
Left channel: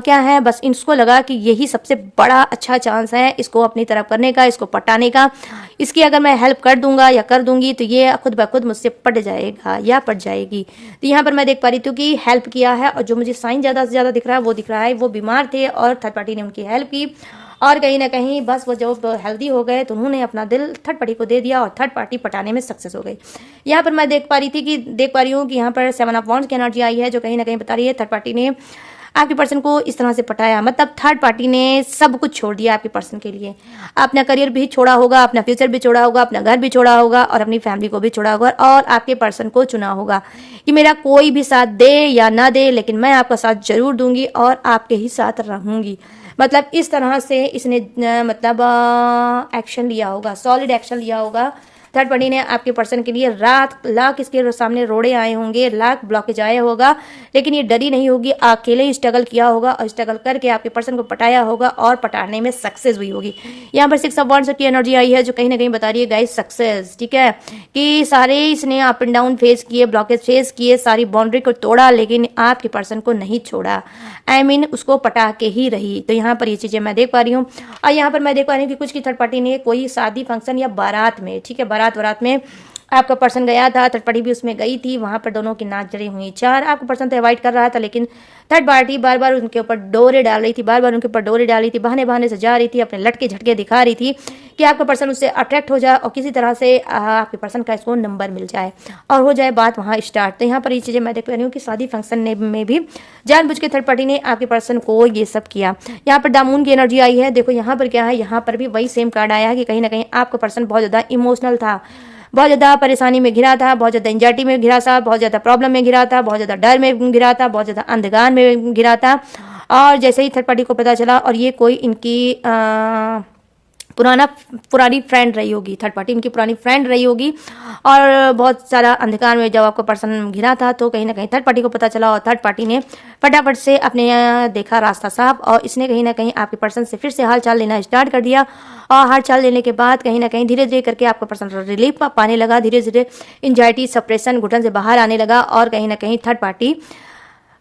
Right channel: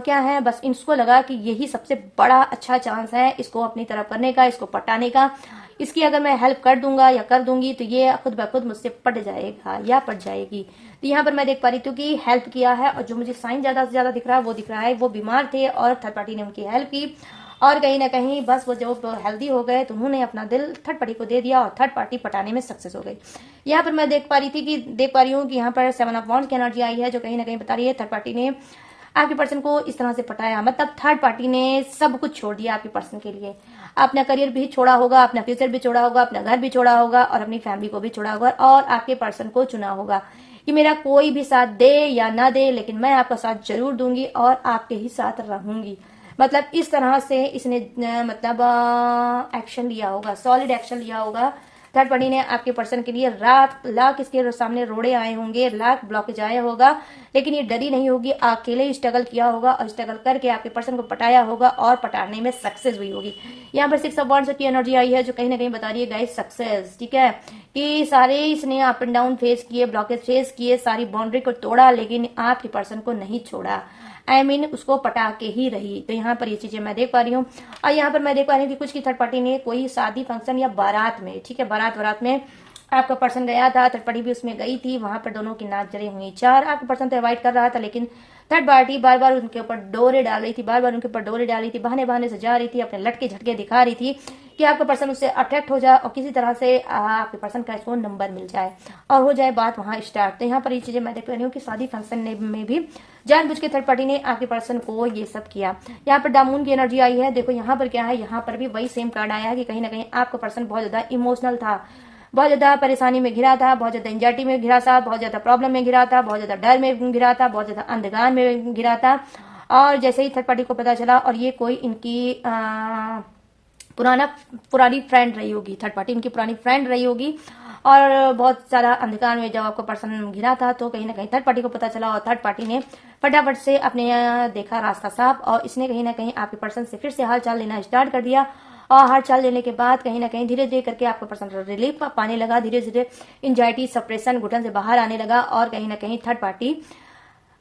क्या है, बस इसको लगा कि यही सबसे बड़ा अच्छा चांस है इसको अपनी तरफ करने का, इसको पटाने का। इसकी अगर मैं हेल्प कर दूंगा या कर दूंगी तो ये खुद ब खुद मुझसे पट जाएगा या पट जाएगी। तो यहाँ पर मैं देख पा रही थी कि हेल्प किया है, और जो मुझे साइन ज़्यादा से ज़्यादा दिख रहा है वो दिख रहा है वो बीमार थे और थर्ड पार्टी ने उनकी हेल्प की, और कहीं ना कहीं बस वो जब हेल्दी हो गए तो उन्होंने अपना दिल थर्ड पार्टी को दे दिया और थर्ड पार्टी पटाने में सक्सेस हो गई। यहाँ पर मैं देख पा रही हूँ कि यहाँ पर 7 ऑफ वॉन्ड्स की एनर्जी आई है जो कहीं ना कहीं बता रही है थर्ड पार्टी ने आपके पर्सन को इस तरह से पटाया। मतलब थर्ड पार्टी ने सब कुछ छोड़ दिया आपके पर्सन के लिए, अपना करियर भी छोड़ा होगा, अपना फ्यूचर भी छोड़ा होगा, अपना घर भी छोड़ा होगा, और अपनी फैमिली को भी छोड़ा होगा, और आपके पर्सन को चुना होगा कि मेरा कोई भी साथ दे या ना दे लेकिन मैं आपका साथ जरूर दूंगी और आपके ही साथ रहूंगी। मतलब इस तरह से इसने मतलब एक्शन लिया होगा, सॉलिड एक्शन लिया होगा थर्ड पार्टी ने आपके पर्सन के लिए लाख इसके सामने रोड़े आए होंगे, लाख ब्लॉकेज आया होगा, लेकिन ये डरी नहीं होगी, अकेले ही स्ट्रगल किया होगा और स्ट्रगल करके आपके पर्सन को पटाया होगा और पटाने में सक्सेस हुई होगी। यहाँ पर 6 ऑफ वांड्स की एनर्जी आई है जो कहीं ना कहीं बता रही है गाइस सक्सेस, ठीक है, कि सारे इसने अप एंड डाउन फेस किए, ब्लॉकेज फेस किए, सारी बाउंड्री को तोड़ा, लेकिन आपके पर्सन को नहीं छोड़ा। I mean, उसको पटा के ही रही। तो यहाँ पर ये चीजें मैं देख पा रही हूँ। और यहाँ पर मैं देख पा रही हूँ कि कुछ की थर्ड पार्टी ने कोई शादी फंक्शन या बारात में, ठीक है, बारात में आपका पर्सन गया था, थर्ड पार्टी भी उसमें गई थी, वहां पर दोनों की नाच जड़ी हुई चार। आपका पर्सन तो अवॉइड कर रहा था, लेकिन थर्ड पार्टी बार बार उनके ऊपर डोरे डाल रही थी, बहाने बहाने से जा रही थी, अपने लटके झटके दिखा रही थी कि आपका पर्सन उससे अट्रैक्ट हो जाए और किसी तरह से आपके पर्सन का इसको नंबर मिल जाए और हो जाए बात वहां स्टार्ट। तो यहाँ पर ये चीजें मैं देख रही हूँ कि शादी फंक्शन में भी जानबूझ के थर्ड पार्टी ने आपके पर्सन को ये सब किया। यहाँ पर दामून की एनर्जी आई है। देखो यहाँ पर क्या है, यहाँ पर भी वही सेम कार्ड आया है कि कहीं ना कहीं आपका पर्सन बहुत ज्यादा इमोशनल था, बहुत ज़्यादा परेशानी में घिरा था, बहुत ज़्यादा एंजाइटी में घिरा था, बहुत ज़्यादा प्रॉब्लम में घिरा था, बहुत ज़्यादा डर में घिरा था, बहुत ज़्यादा अंधकार में घिरा था। और जैसे ही थर्ड पार्टी को पता चला, और ये कोई इनकी पुरानी फ्रेंड रही होगी, थर्ड पार्टी इनकी पुरानी फ्रेंड रही होगी, और बहुत सारा अंधकार में जब आपका पर्सन घिरा था तो कहीं ना कहीं थर्ड पार्टी को पता चला और थर्ड पार्टी ने फटाफट से अपने देखा रास्ता साफ, और इसने कहीं ना कहीं आपके पर्सन से फिर से हाल चाल लेना स्टार्ट कर दिया। और हाल चाल लेने के बाद कहीं ना कहीं धीरे धीरे करके आपका पर्सन रिलीफ पाने लगा, धीरे धीरे एंजाइटी सप्रेशन घुटन से बाहर आने लगा, और कहीं ना कहीं थर्ड पार्टी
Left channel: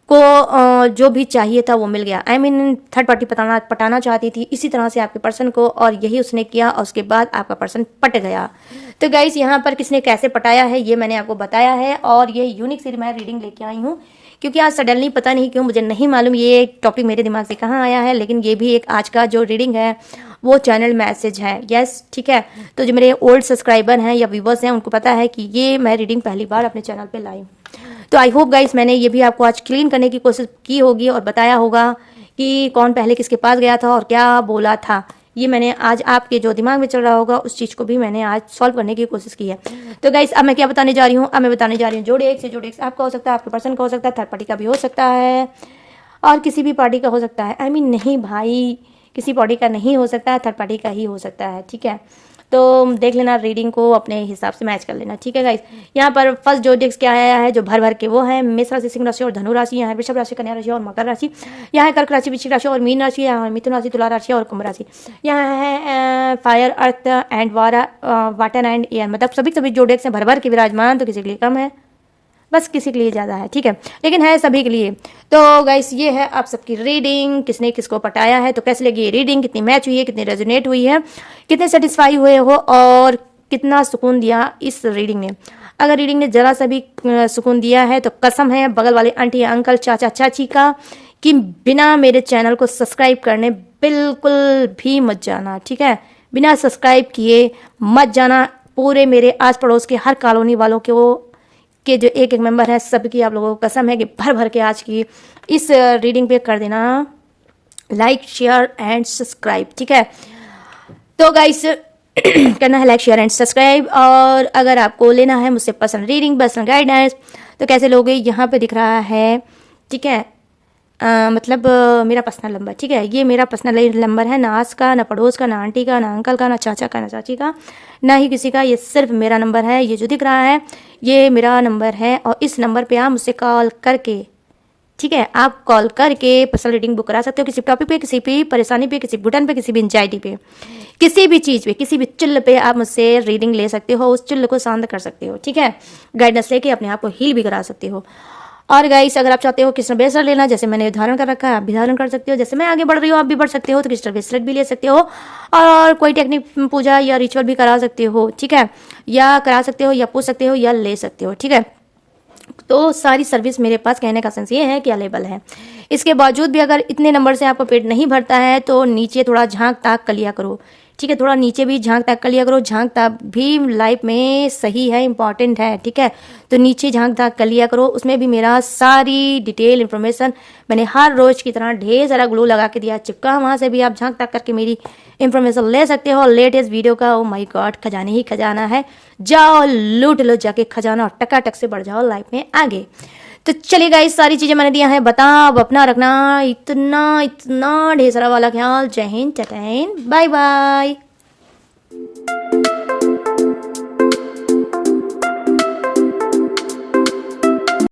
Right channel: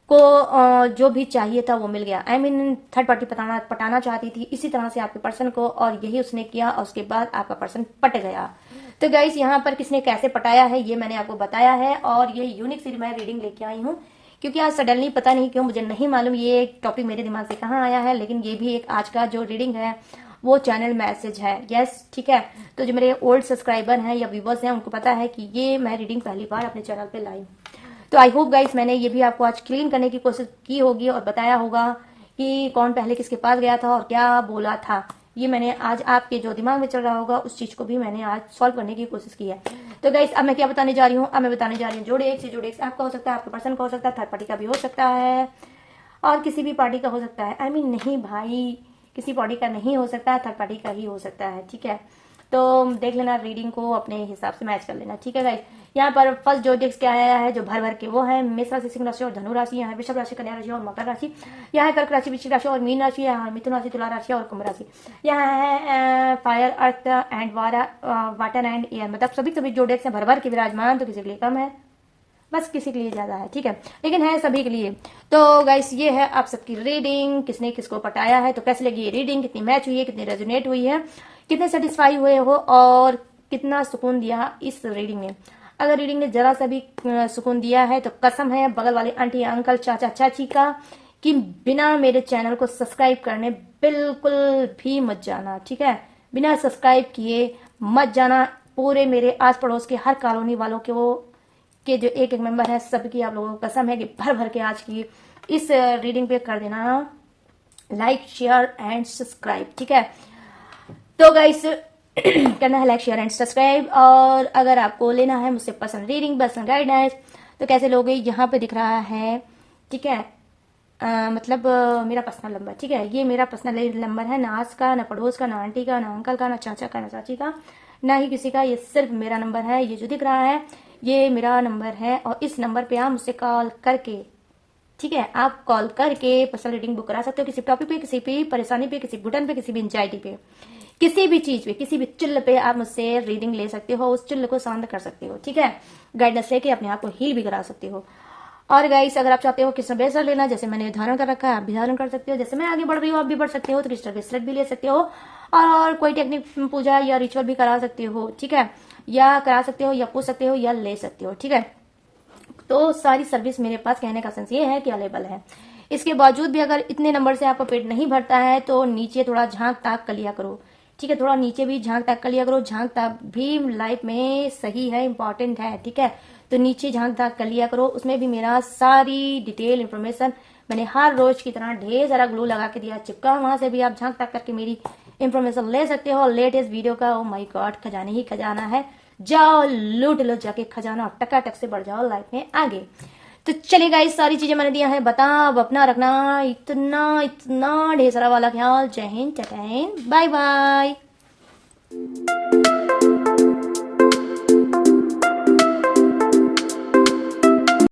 को जो भी चाहिए था वो मिल गया। थर्ड पार्टी पटाना चाहती थी इसी तरह से आपके पर्सन को, और यही उसने किया, और उसके बाद आपका पर्सन पट गया। तो गाइस यहाँ पर किसने कैसे पटाया है ये मैंने आपको बताया है, और ये यूनिक सी मैं रीडिंग लेके आई हूँ क्योंकि आज सडनली पता नहीं क्यों, मुझे नहीं मालूम ये टॉपिक मेरे दिमाग से कहाँ आया है, लेकिन ये भी एक आज का जो रीडिंग है वो चैनल मैसेज है। यस, ठीक है। तो जो मेरे ओल्ड सब्सक्राइबर हैं या व्यूवर्स हैं उनको पता है कि ये मैं रीडिंग पहली बार अपने चैनल पे लाई। तो आई होप गाइस मैंने ये भी आपको आज क्लीन करने की कोशिश की होगी और बताया होगा कि कौन पहले किसके पास गया था और क्या बोला था। ये मैंने आज आपके जो दिमाग में चल रहा होगा उस चीज़ को भी मैंने आज सॉल्व करने की कोशिश की है। तो गाइस अब मैं क्या बताने जा रही हूँ, अब मैं बताने जा रही हूँ जोड़े एक से जोड़े एक आपका हो सकता है, आपके पर्सन का हो सकता है, थर्ड पार्टी का भी हो सकता है, और किसी भी पार्टी का हो सकता है। नहीं भाई, किसी पार्टी का नहीं हो सकता है, थर्ड पार्टी का ही हो सकता है, ठीक है। तो देख लेना, रीडिंग को अपने हिसाब से मैच कर लेना, ठीक है गाइस। यहाँ पर फर्स्ट जो डिस्क क्या आया है जो भर भर के वो है मेष राशि, सिंह राशि और धनु राशि, यहाँ है वृषभ राशि, कन्या राशि और मकर राशि, यहाँ है कर्क राशि, वृश्चिक राशि और मीन राशि, यहाँ है मिथुन राशि, तुला राशि और कुंभ राशि, यहाँ है fire, earth and water and air, मतलब सभी जो डेक्स हैं भर भर के विराजमान। तो किसी के लिए कम है, बस किसी के लिए ज़्यादा है, ठीक है, लेकिन है सभी के लिए। तो गाइस ये है आप सबकी रीडिंग, किसने किसको पटाया है, तो कैसे लगी ये रीडिंग, कितनी मैच हुई है, कितनी रेजोनेट हुई है, कितने सेटिस्फाई हुए हो और कितना सुकून दिया इस रीडिंग ने। अगर रीडिंग ने जरा सा भी सुकून दिया है तो कसम है बगल वाले आंटी अंकल चाचा चाची का कि बिना मेरे चैनल को सब्सक्राइब करने बिल्कुल भी मत जाना, ठीक है, बिना सब्सक्राइब किए मत जाना। पूरे मेरे आस पड़ोस के हर कॉलोनी वालों के जो एक मेंबर है सबकी आप लोगों को कसम है कि भर भर के आज की इस रीडिंग पे कर देना लाइक शेयर एंड सब्सक्राइब, ठीक है। तो गाइस करना है लाइक शेयर एंड सब्सक्राइब। और अगर आपको लेना है मुझसे पर्सनल रीडिंग, पर्सनल गाइडेंस, तो कैसे लोगे, यहाँ पे दिख रहा है, ठीक है, मतलब मेरा पर्सनल नंबर, ठीक है, ये मेरा पर्सनल नंबर है, ना आस का, ना पड़ोस का, ना आंटी का, ना अंकल का, ना चाचा का, ना चाची का, ना ही किसी का, ये सिर्फ मेरा नंबर है। ये जो दिख रहा है ये मेरा नंबर है, और इस नंबर पे आप मुझसे कॉल करके, ठीक है, आप कॉल करके पर्सनल रीडिंग बुक करा सकते हो, किसी टॉपिक पे, किसी भी परेशानी पे, किसी घुटन पे, किसी भी एंजाइटी पे, किसी भी चीज़ पे, किसी भी चिल्ल पे आप मुझसे रीडिंग ले सकते हो, उस चिल्ल को शांत कर सकते हो, ठीक है, गाइडेंस लेके अपने आप को हील भी करा सकते हो। और गाइस अगर आप चाहते हो क्रिस्टल ब्रेसलेट लेना, जैसे मैंने धारण कर रखा है आप भी धारण कर सकते हो, जैसे मैं आगे बढ़ रही हूँ आप भी बढ़ सकते हो, तो क्रिस्टल ब्रेसलेट भी ले सकते हो, और कोई टेक्निक पूजा या रिचुअल भी करा सकते हो, ठीक है, या करा सकते हो या पूछ सकते हो या ले सकते हो, ठीक है। तो सारी सर्विस मेरे पास, कहने का सेंस ये है कि अवेलेबल है। इसके बावजूद भी अगर इतने नंबर से आपका पेट नहीं भरता है तो नीचे थोड़ा झांक ताक कर लिया करो, ठीक है, थोड़ा नीचे भी झांक ताक कर लिया करो, झांक ताक भी लाइफ में सही है, इंपॉर्टेंट है, ठीक है। तो नीचे झांक ताक कर लिया करो, उसमें भी मेरा सारी डिटेल इन्फॉर्मेशन मैंने हर रोज की तरह ढेर सारा ग्लू लगा के दिया चिपका, वहां से भी आप झांक ताक करके मेरी इंफॉर्मेशन ले सकते हो। लेटेस्ट वीडियो का ओ माय गॉड खजाने ही खजाना है, जाओ लूट लो जाके खजाना और टकाटक से बढ़ जाओ लाइफ में आगे। तो चलिए गाइस सारी चीजें मैंने दिया है, बताओ अपना रखना इतना ढेर सारा वाला ख्याल। जय हिंद, टाटा, बाय बाय।